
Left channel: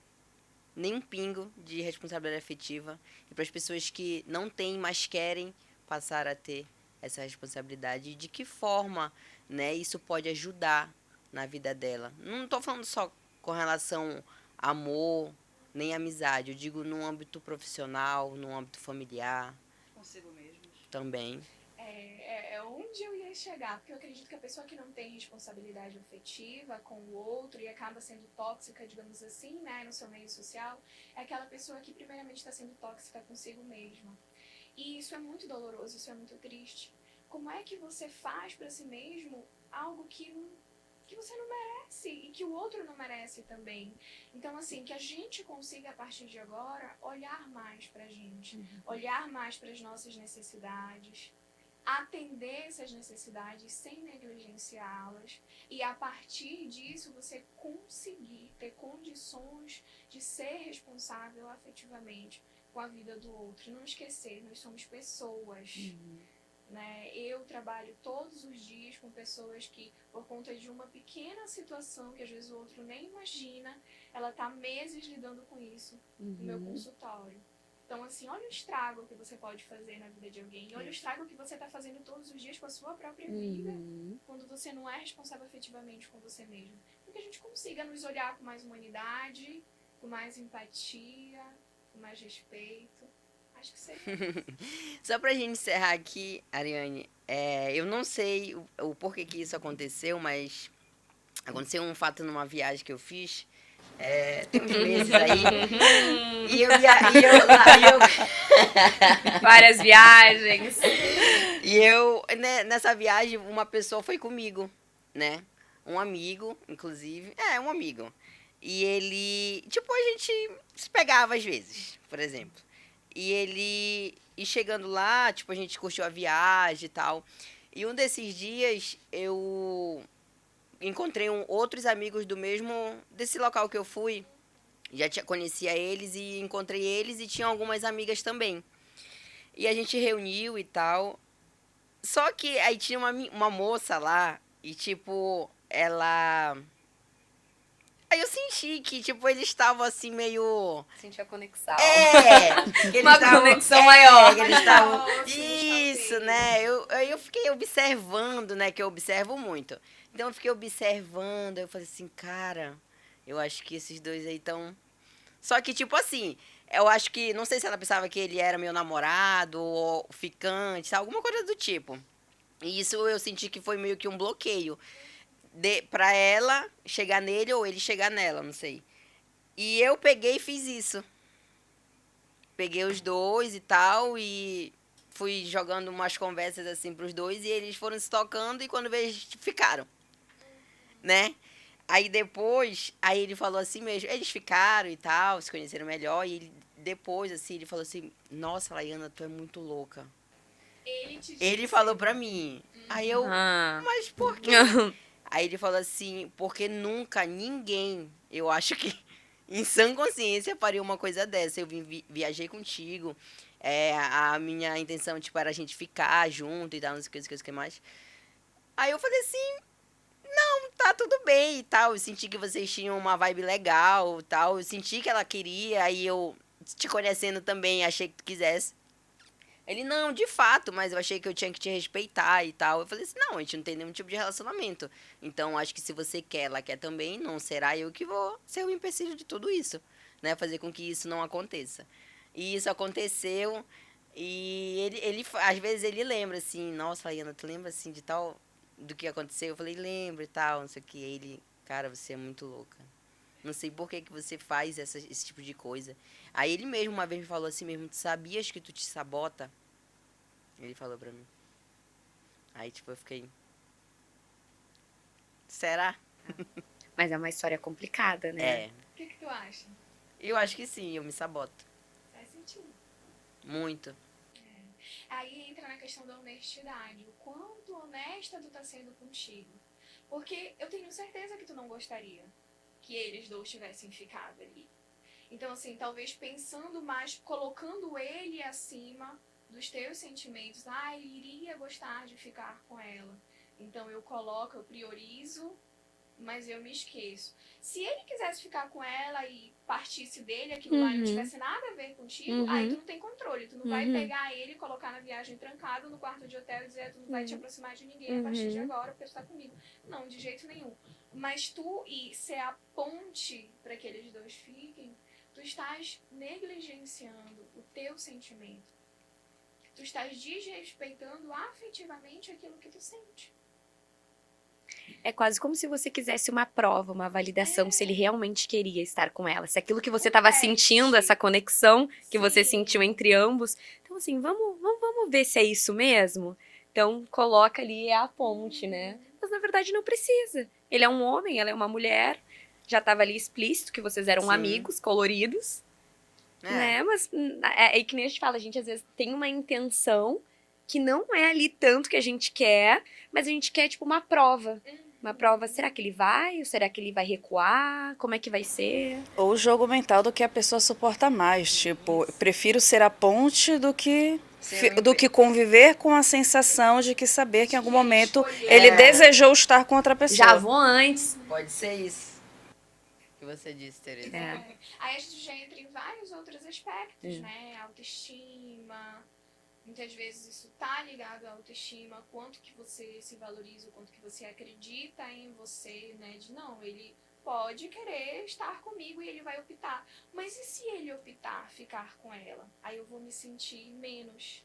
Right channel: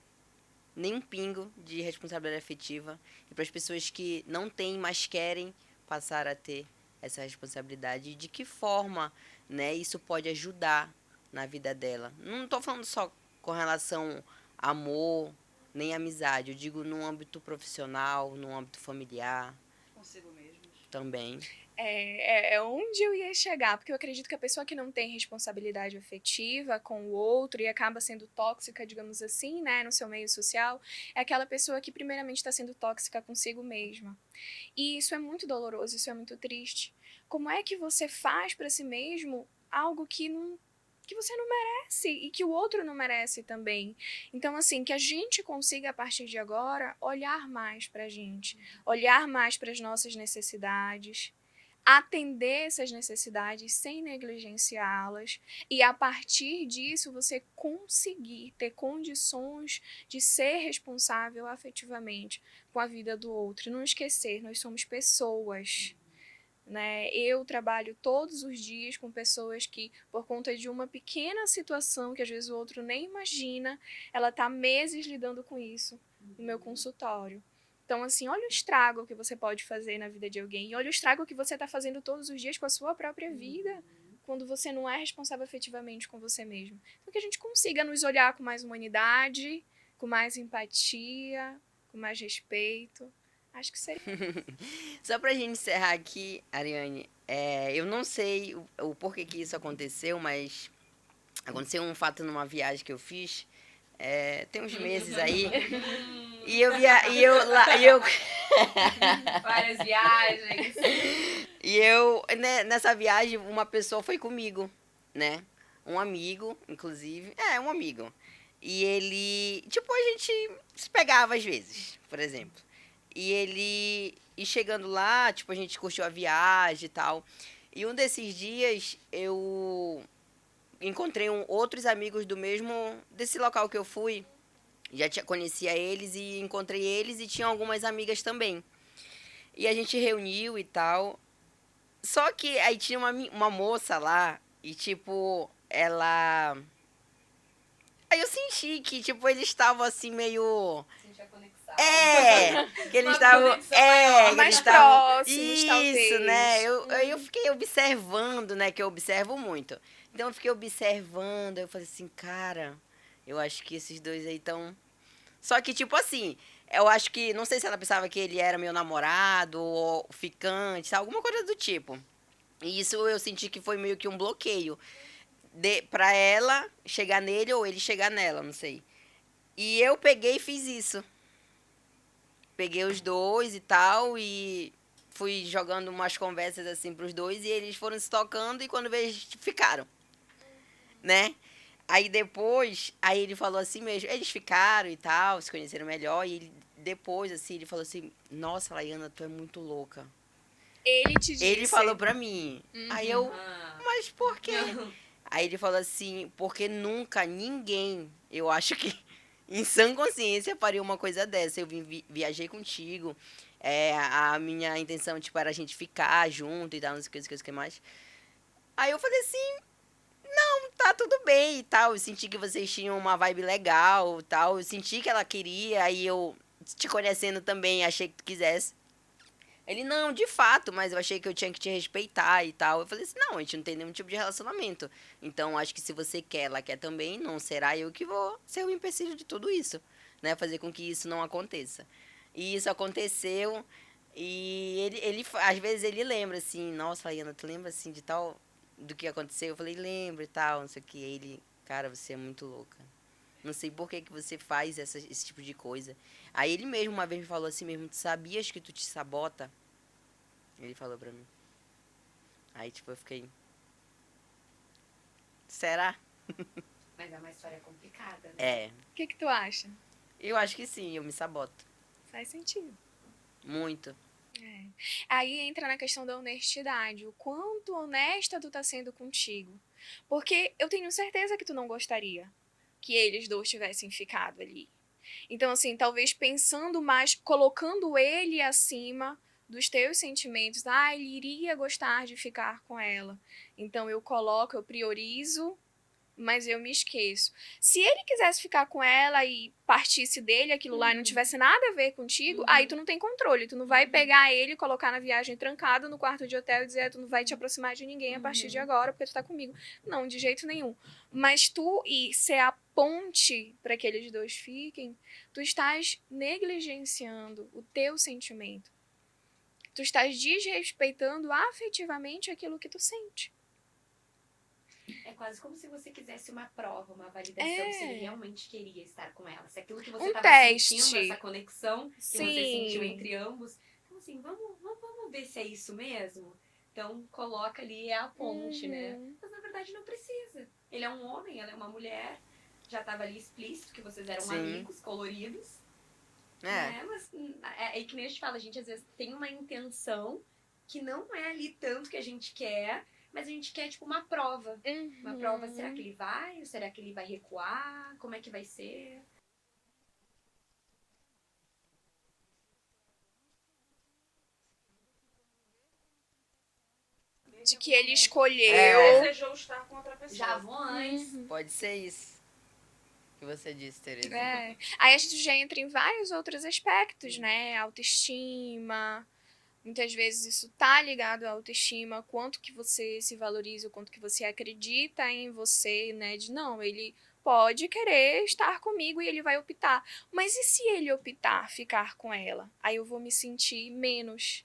nem um pingo de responsabilidade afetiva e para as pessoas que não têm, mas querem passar a ter essa responsabilidade? E de que forma, né, isso pode ajudar na vida dela? Não estou falando só com relação a amor, nem amizade. Eu digo no âmbito profissional, no âmbito familiar. Consigo mesmo. Também. É onde eu ia chegar, porque eu acredito que a pessoa que não tem responsabilidade afetiva com o outro e acaba sendo tóxica, digamos assim, né, no seu meio social, é aquela pessoa que primeiramente está sendo tóxica consigo mesma. E isso é muito doloroso, isso é muito triste. Como é que você faz para si mesmo algo que você não merece e que o outro não merece também? Então, assim, que a gente consiga, a partir de agora, olhar mais pra gente, olhar mais para as nossas necessidades, atender essas necessidades sem negligenciá-las, e a partir disso você conseguir ter condições de ser responsável afetivamente com a vida do outro. Não esquecer, nós somos pessoas. Né? Eu trabalho todos os dias com pessoas que, por conta de uma pequena situação que às vezes o outro nem imagina, ela está meses lidando com isso no meu consultório. Então, assim, olha o estrago que você pode fazer na vida de alguém. E olha o estrago que você está fazendo todos os dias com a sua própria vida, quando você não é responsável efetivamente com você mesmo. Então, que a gente consiga nos olhar com mais humanidade, com mais empatia, com mais respeito. Acho que seria. Só pra gente encerrar aqui, Ariane, eu não sei o porquê que isso aconteceu, mas Aconteceu um fato numa viagem que eu fiz, tem uns meses aí, e eu Várias viagens. E eu, né, nessa viagem, uma pessoa foi comigo, né? Um amigo, inclusive. Um amigo. E ele, tipo, a gente se pegava às vezes, por exemplo. E chegando lá, tipo, a gente curtiu a viagem e tal. E um desses dias, eu encontrei outros amigos desse local que eu fui. Conhecia eles e encontrei eles e tinha algumas amigas também. E a gente reuniu e tal. Só que aí tinha uma moça lá e, tipo, ela... Aí eu senti que, tipo, eles estavam assim meio... Senti a conexão. Que eles Uma estavam... conexão maior, que eles mais estavam... próximos, Isso, talvez. né? Eu fiquei observando, né? Que eu observo muito. Então eu fiquei observando, eu falei assim, cara, eu acho que esses dois aí estão... Só que, tipo assim, eu acho que... Não sei se ela pensava que ele era meu namorado ou ficante, alguma coisa do tipo. E isso eu senti que foi meio que um bloqueio pra ela chegar nele ou ele chegar nela, não sei. E eu peguei e fiz isso. Peguei os dois e tal e fui jogando umas conversas assim pros dois e eles foram se tocando e quando veio ficaram, né? Aí depois, aí ele falou assim mesmo, eles ficaram e tal, se conheceram melhor e depois assim, ele falou assim: "Nossa, Laiana, tu é muito louca". Ele te disse. Ele falou pra mim. Aí eu, Ah. mas por quê? Aí ele falou assim, porque nunca ninguém, eu acho que em sã consciência faria uma coisa dessa. Eu viajei contigo, a minha intenção, tipo, era a gente ficar junto e tal, não sei o que mais. Aí eu falei assim, não, tá tudo bem e tal. Eu senti que vocês tinham uma vibe legal e tal. Eu senti que ela queria, aí eu, te conhecendo também, achei que tu quisesse. Ele, não, de fato, mas eu achei que eu tinha que te respeitar e tal. Eu falei assim, não, a gente não tem nenhum tipo de relacionamento. Então, acho que se você quer, ela quer também, não será eu que vou ser o empecilho de tudo isso, né? Fazer com que isso não aconteça. E isso aconteceu e ele às vezes ele lembra assim, nossa, Laiana, tu lembra assim de tal, do que aconteceu? Eu falei, lembro e tal, não sei o que. Ele, cara, você é muito louca. Não sei por que você faz esse tipo de coisa. Aí ele mesmo uma vez me falou assim mesmo, tu sabias que tu te sabota? Ele falou pra mim. Aí, tipo, eu fiquei... Será? Mas é uma história complicada, né? O que tu acha? Eu acho que sim, eu me saboto. Faz sentido. Muito. Aí entra na questão da honestidade. O quanto honesta tu tá sendo contigo. Porque eu tenho certeza que tu não gostaria que eles dois tivessem ficado ali. Então, assim, talvez pensando mais, colocando ele acima dos teus sentimentos. Ah, ele iria gostar de ficar com ela. Então, eu priorizo, mas eu me esqueço. Se ele quisesse ficar com ela e partisse dele, aquilo lá não tivesse nada a ver contigo, aí tu não tem controle. Tu não vai pegar ele, colocar na viagem trancado no quarto de hotel e dizer, tu não vai te aproximar de ninguém a partir de agora, porque tu tá comigo. Não, de jeito nenhum. Mas tu ir ser a ponte para que eles dois fiquem, tu estás negligenciando o teu sentimento. Tu estás desrespeitando afetivamente aquilo que tu sente. É quase como se você quisesse uma prova, uma validação, se ele realmente queria estar com ela. Se aquilo que você estava teste. sentindo, essa conexão que você Sim. sentiu entre ambos. Então, assim, vamos ver se é isso mesmo? Então, coloca ali a ponte, né? Mas, na verdade, não precisa. Ele é um homem, ela é uma mulher. Já estava ali explícito que vocês eram Sim. amigos, coloridos. Né? Mas é que nem a gente fala, a gente às vezes tem uma intenção que não é ali tanto que a gente quer, mas a gente quer, tipo, uma prova. Uma prova, será que ele vai? Ou será que ele vai recuar? Como é que vai ser? Ou o jogo mental do que a pessoa suporta mais. Tipo, eu prefiro ser a ponte do que conviver com a sensação de que saber que em algum que ele momento escolheu. ele desejou estar com outra pessoa. Já vou antes. Pode ser isso que você disse, Tereza. Aí a gente já entra em vários outros aspectos, né? Autoestima. Muitas vezes isso tá ligado à autoestima, quanto que você se valoriza, o quanto que você acredita em você, né? De não, ele pode querer estar comigo e ele vai optar. Mas e se ele optar ficar com ela? Aí eu vou me sentir menos.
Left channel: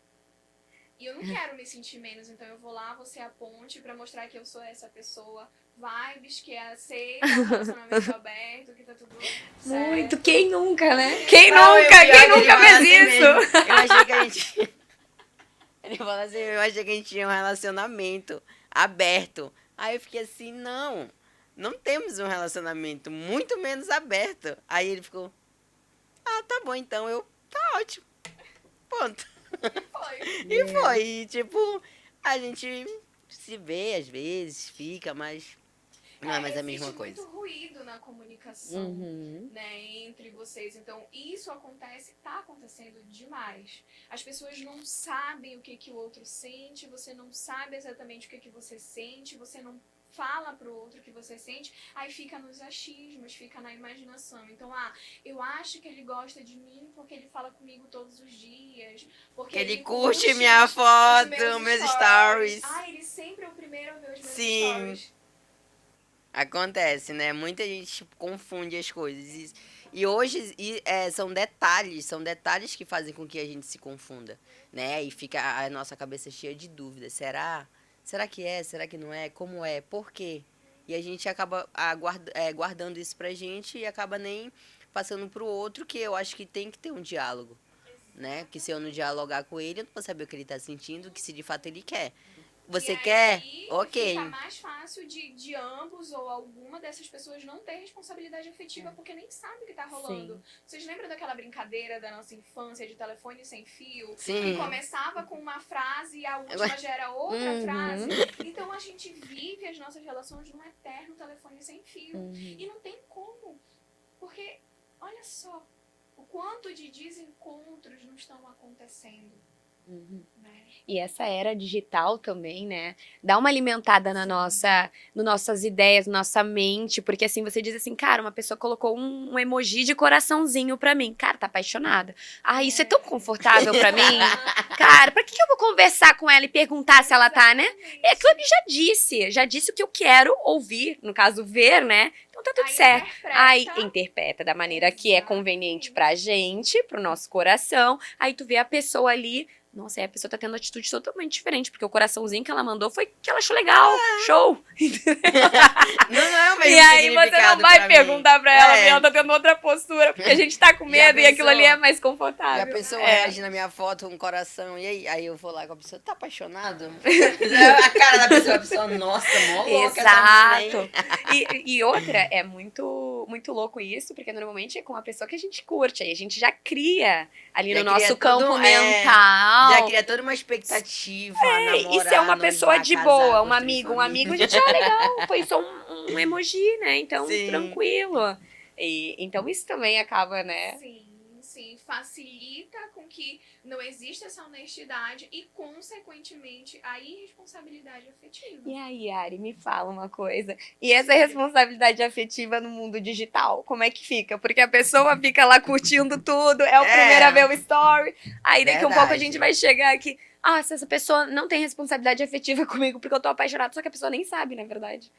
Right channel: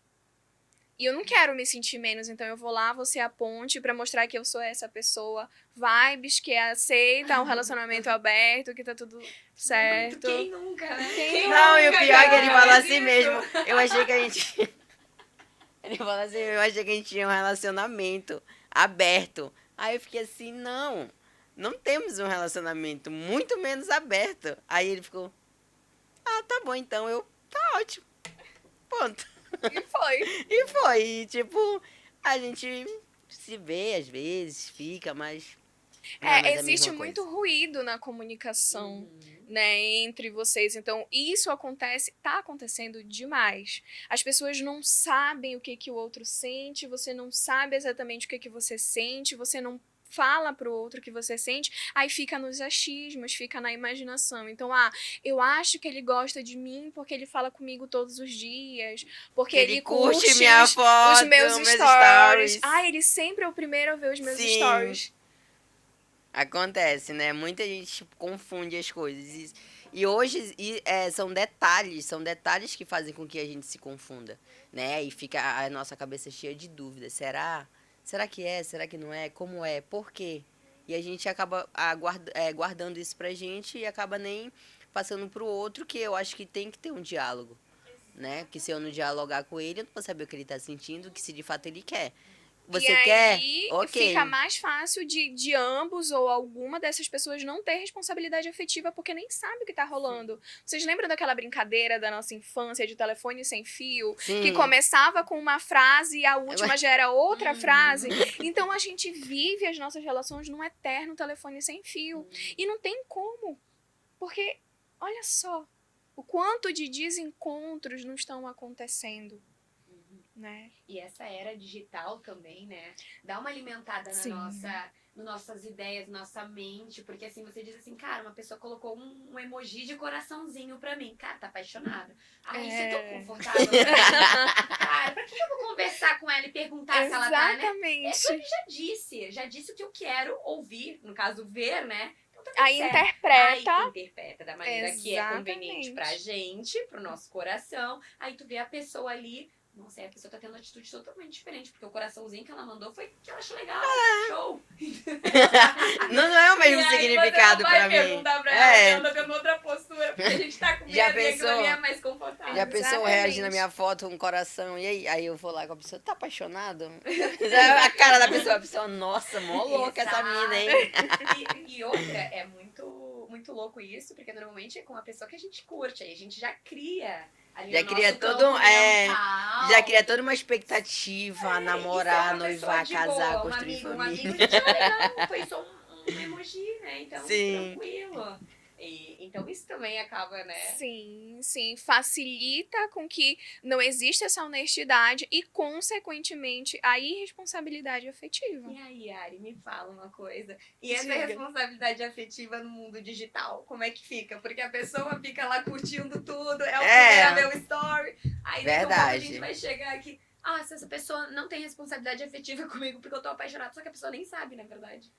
E eu não quero me sentir menos, então eu vou lá, vou ser a ponte pra mostrar que eu sou essa pessoa vibes, que aceita um relacionamento aberto, que tá tudo certo. Muito, quem nunca, né? Quem Não, e o nunca, pior é quem que ele nunca fala fez assim isso? mesmo. Eu achei que a gente... Ele fala assim, eu achei que a gente tinha um relacionamento aberto. Aí eu fiquei assim, não temos um relacionamento, muito menos aberto. Aí ele ficou, tá bom, então tá ótimo. Ponto. E foi. E foi, e, tipo, a gente se vê às vezes, fica, mas não é mais a Existe mesma coisa. muito ruído na comunicação, Uhum. né, entre vocês. Então, isso tá acontecendo demais. As pessoas não sabem o que que o outro sente, você não sabe exatamente o que que você sente, você não fala pro outro o que você sente, aí fica nos achismos, fica na imaginação. Então, eu acho que ele gosta de mim porque ele fala comigo todos os dias, porque Ele curte minha os foto, meus meus stories. stories. Ele sempre é o primeiro a ver os meus Sim. stories. Acontece, né? Muita gente tipo, confunde as coisas. E hoje são detalhes que fazem com que a gente se confunda, né? E fica a nossa cabeça cheia de dúvidas. Será? Será que é? Será que não é? Como é? Por quê? E a gente acaba guardando isso pra gente e acaba nem passando pro outro, que eu acho que tem que ter um diálogo, né? Que se eu não dialogar com ele, eu não vou saber o que ele tá sentindo, que se de fato ele quer. Você e quer? aí Ok. fica mais fácil de ambos ou alguma dessas pessoas não ter responsabilidade afetiva porque nem sabe o que tá rolando. Vocês lembram daquela brincadeira da nossa infância de telefone sem fio? Sim. Que começava com uma frase e a última já era outra Uhum. frase. Então a gente vive as nossas relações num eterno telefone sem fio. E não tem como. Porque, olha só, o quanto de desencontros não estão acontecendo, né? E essa era digital também, né? Dá uma alimentada na Sim. nas nossas ideias, na nossa mente, porque assim, você diz assim, cara, uma pessoa colocou um emoji de coraçãozinho pra mim. Cara, tá apaixonada. Isso é tão confortável pra mim. Cara, pra que eu vou conversar com ela e perguntar se ela tá, né? Exatamente. É que ele já disse o que eu quero ouvir, no caso, ver, né? Então tá tudo Aí certo. interpreta. Aí interpreta da maneira que é conveniente Exatamente. pra gente, pro nosso coração. Aí tu vê a pessoa ali. Nossa, aí a pessoa tá tendo atitude totalmente diferente, porque o coraçãozinho que ela mandou foi que ela achou legal. Show! Não é o mesmo E aí você significado não vai pra mim. perguntar pra ela, É. ela tá tendo outra postura, porque a gente tá com Já medo e aquilo pensou? ali é mais confortável. E a pessoa sabe? reage na minha foto, um coração, e aí eu vou lá com a pessoa, tá apaixonado? A cara da pessoa, a pessoa, nossa, mó louca essa menina, hein? E outra, é muito louco isso, porque normalmente é com a pessoa que a gente curte, aí a gente já cria ali Já no cria nosso todo- campo mental. Já cria toda uma expectativa, namorar, E se é uma pessoa noivar, de casar, boa, um construir amigo, família. a gente, legal, foi só um emoji, né? Então, Sim. tranquilo. Então, isso também acaba, né? Sim, facilita com que não exista essa honestidade e, consequentemente, a irresponsabilidade afetiva. E aí, Ari, me fala uma coisa. E essa Diga. responsabilidade afetiva no mundo digital, como é que fica? Porque a pessoa fica lá curtindo tudo, é o É. primeiro a ver o story. Aí daqui a pouco a Verdade. gente vai chegar aqui. Se essa pessoa não tem responsabilidade afetiva comigo porque eu tô apaixonada, só que a pessoa nem sabe, na verdade.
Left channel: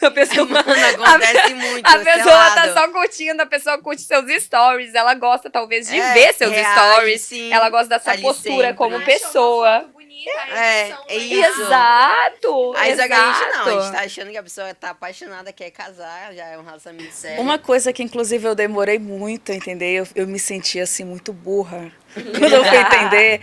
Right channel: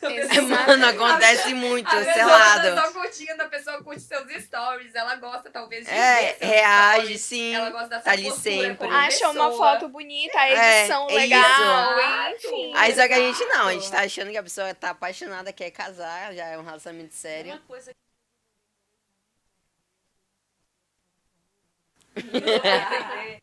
A pessoa, Mano, acontece muito, a pessoa selado. tá só curtindo, a pessoa curte seus stories, ela gosta talvez de É, ver seus reage, stories. sim. Ela gosta da sua Tá ali postura sempre. como Acha uma pessoa. foto bonita, a edição É legal. isso. Exato. Aí só que a gente não, a Exato. gente tá achando que a pessoa tá apaixonada, quer casar, já é um relacionamento sério. Uma coisa que, inclusive, eu demorei muito a entender, eu me sentia, assim, muito burra quando eu fui entender,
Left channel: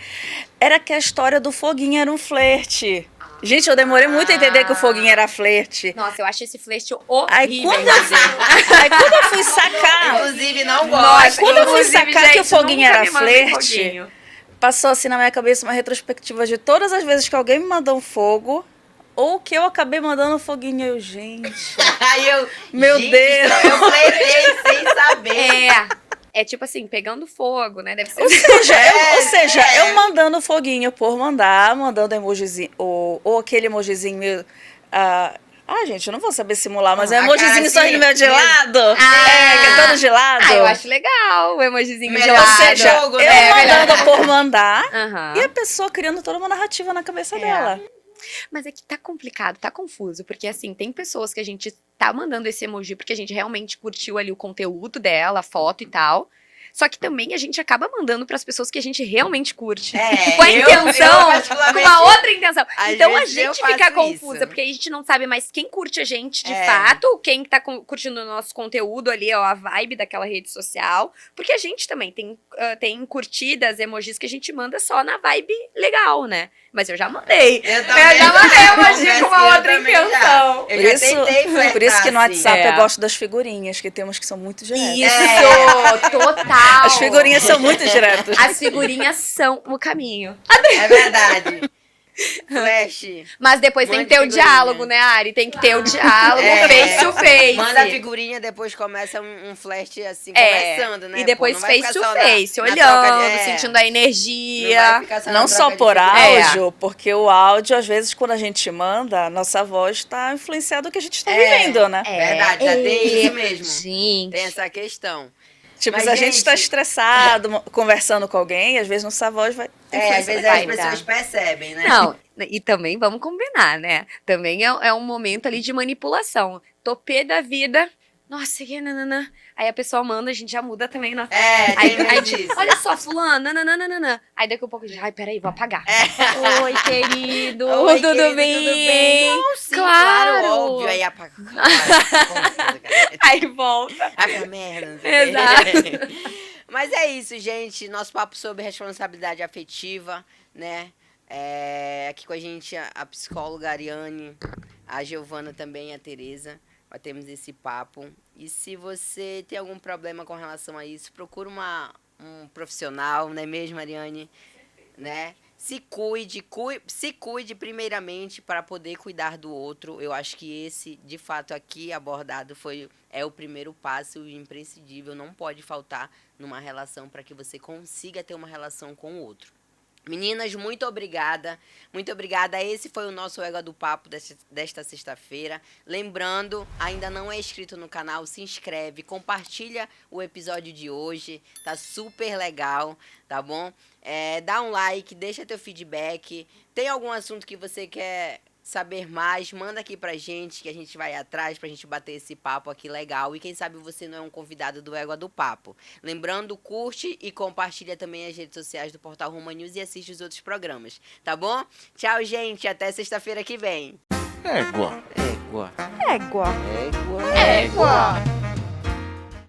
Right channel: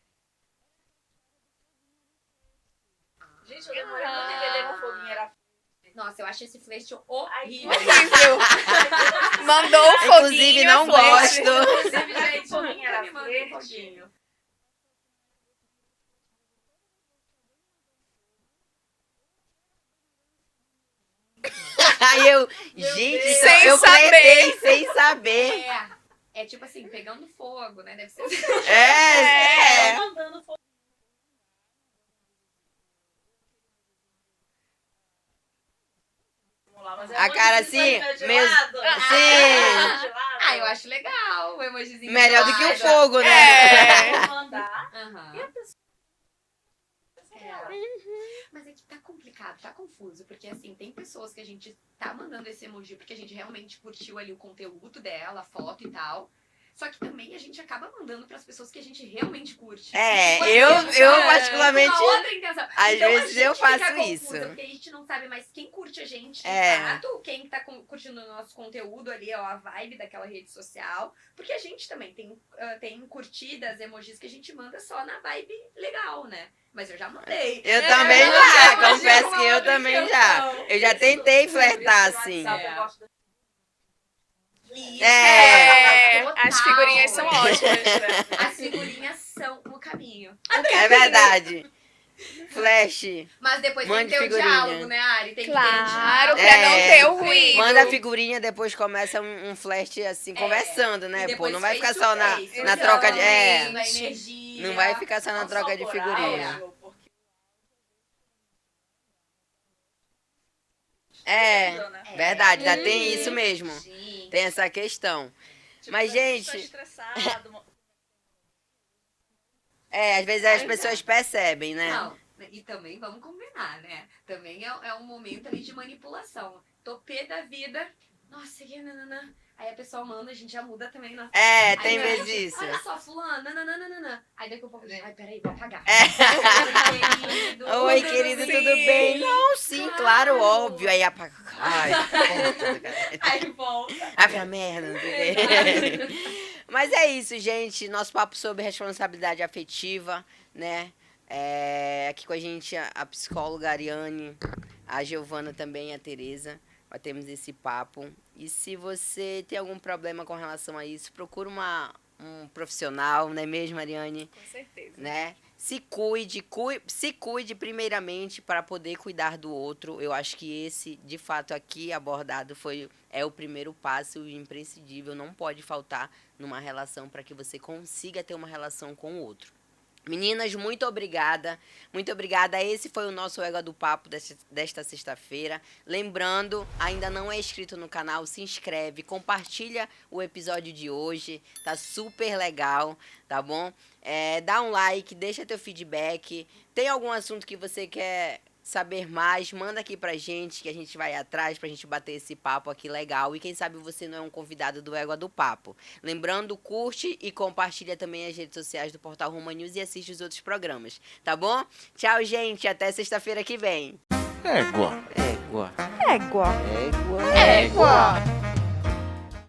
era que a história do foguinho era um flerte. Gente, eu demorei muito a entender que o foguinho era flerte. Nossa, eu acho esse flerte Aí, horrível. quando eu fui sacar... Inclusive, não Mas gosto. quando eu fui Inclusive, sacar que o gente, foguinho nunca era me mandem flerte, foguinho. passou assim na minha cabeça uma retrospectiva de todas as vezes que alguém me mandou um fogo, ou que eu acabei mandando um foguinho. Eu, gente... Aí eu, Meu gente, Deus. eu flertei sem saber. É tipo assim, pegando fogo, né? Deve ser. Ou seja, É, ou seja, é. eu mandando foguinho por mandar, mandando emojizinho, ou aquele emojizinho meu. Gente, eu não vou saber simular, mas é um A cara emojizinho só assim, de meu de mesmo. lado. Que é todo de lado. Eu acho legal o emojizinho Melhor do que gelado. fogo, Eu né? mandando por mandar. Aham. E a pessoa criando toda uma narrativa na cabeça dela. Mas é que tá complicado, tá confuso, porque assim, tem pessoas que a gente tá mandando esse emoji porque a gente realmente curtiu ali o conteúdo dela, a foto e tal. Só que também a gente acaba mandando pras pessoas que a gente realmente curte. É, Com a eu intenção, particularmente, com uma outra intenção. às Então a vezes eu gente fica faço confusa, isso. porque a gente não sabe mais quem curte a gente de É. fato, quem tá curtindo o nosso conteúdo ali, ó, a vibe daquela rede social. Porque a gente também tem curtidas, emojis que a gente manda só na vibe legal, né? Mas eu já mandei. Eu também já mandei já, emoji confesso com que uma eu outra também já. intenção. Eu já tentei flertar, Por isso que no assim. WhatsApp É. eu gosto das figurinhas, que temos que são muito diretas. Isso, É. total. As figurinhas são muito diretas. As figurinhas são o caminho. É verdade. Flash. Mas depois tem Mande que ter o figurinha. diálogo, né, Ari? Tem que ter o Claro. diálogo, É. face to face. Manda a figurinha, depois começa um flash assim, É. conversando, né? E depois Pô, não vai face ficar to só face, na olhando, troca de... sentindo a energia. Não vai ficar só na Não troca só de por figurinha. áudio, porque o áudio, às vezes, quando a gente manda, a nossa voz está influenciada do que a gente está É. vivendo, né? Verdade, já tem isso mesmo. Sim. Tem essa questão. Tipo, Mas, se a gente gente- está estressado, conversando com alguém, às vezes nossa voz vai... É, às vezes vai as pessoas dar. percebem, né? Não, e também vamos combinar, né? Também é um momento ali de manipulação. Tô pé da vida. Nossa, que nananã. Aí a pessoa manda, a gente já muda também. Nossa. É, Aí, tem aí, medo tipo, disso. olha só, fulano, nananana. Aí daqui a pouco a gente, ai, peraí, vou apagar. É. Oi, querido. Oi, tudo querido, bem? tudo bem? Não, sim, claro, óbvio. Aí apaga. Ai, porra, cara. Aí volta. Ai, pra merda. Não sei o quê. Mas é isso, gente. Nosso papo sobre responsabilidade afetiva, né? Aqui com a gente a psicóloga Ariane, a Giovana também, a Tereza. Batemos esse papo. E se você tem algum problema com relação a isso, procura um profissional, não é mesmo, Ariane? Com certeza. Né? Se cuide primeiramente para poder cuidar do outro. Eu acho que esse, de fato, aqui abordado é o primeiro passo, o imprescindível, não pode faltar numa relação para que você consiga ter uma relação com o outro. Meninas, muito obrigada. Muito obrigada. Esse foi o nosso Égua do Papo desta sexta-feira. Lembrando, ainda não é inscrito no canal, se inscreve, compartilha o episódio de hoje. Tá super legal, tá bom? Dá um like, deixa teu feedback. Tem algum assunto que você quer saber mais, manda aqui pra gente, que a gente vai atrás pra gente bater esse papo aqui legal. E quem sabe você não é um convidado do Égua do Papo. Lembrando, curte e compartilha também as redes sociais do Portal Roma News e assiste os outros programas, tá bom? Tchau, gente, até sexta-feira que vem. Égua. Égua. Égua. Égua. Égua.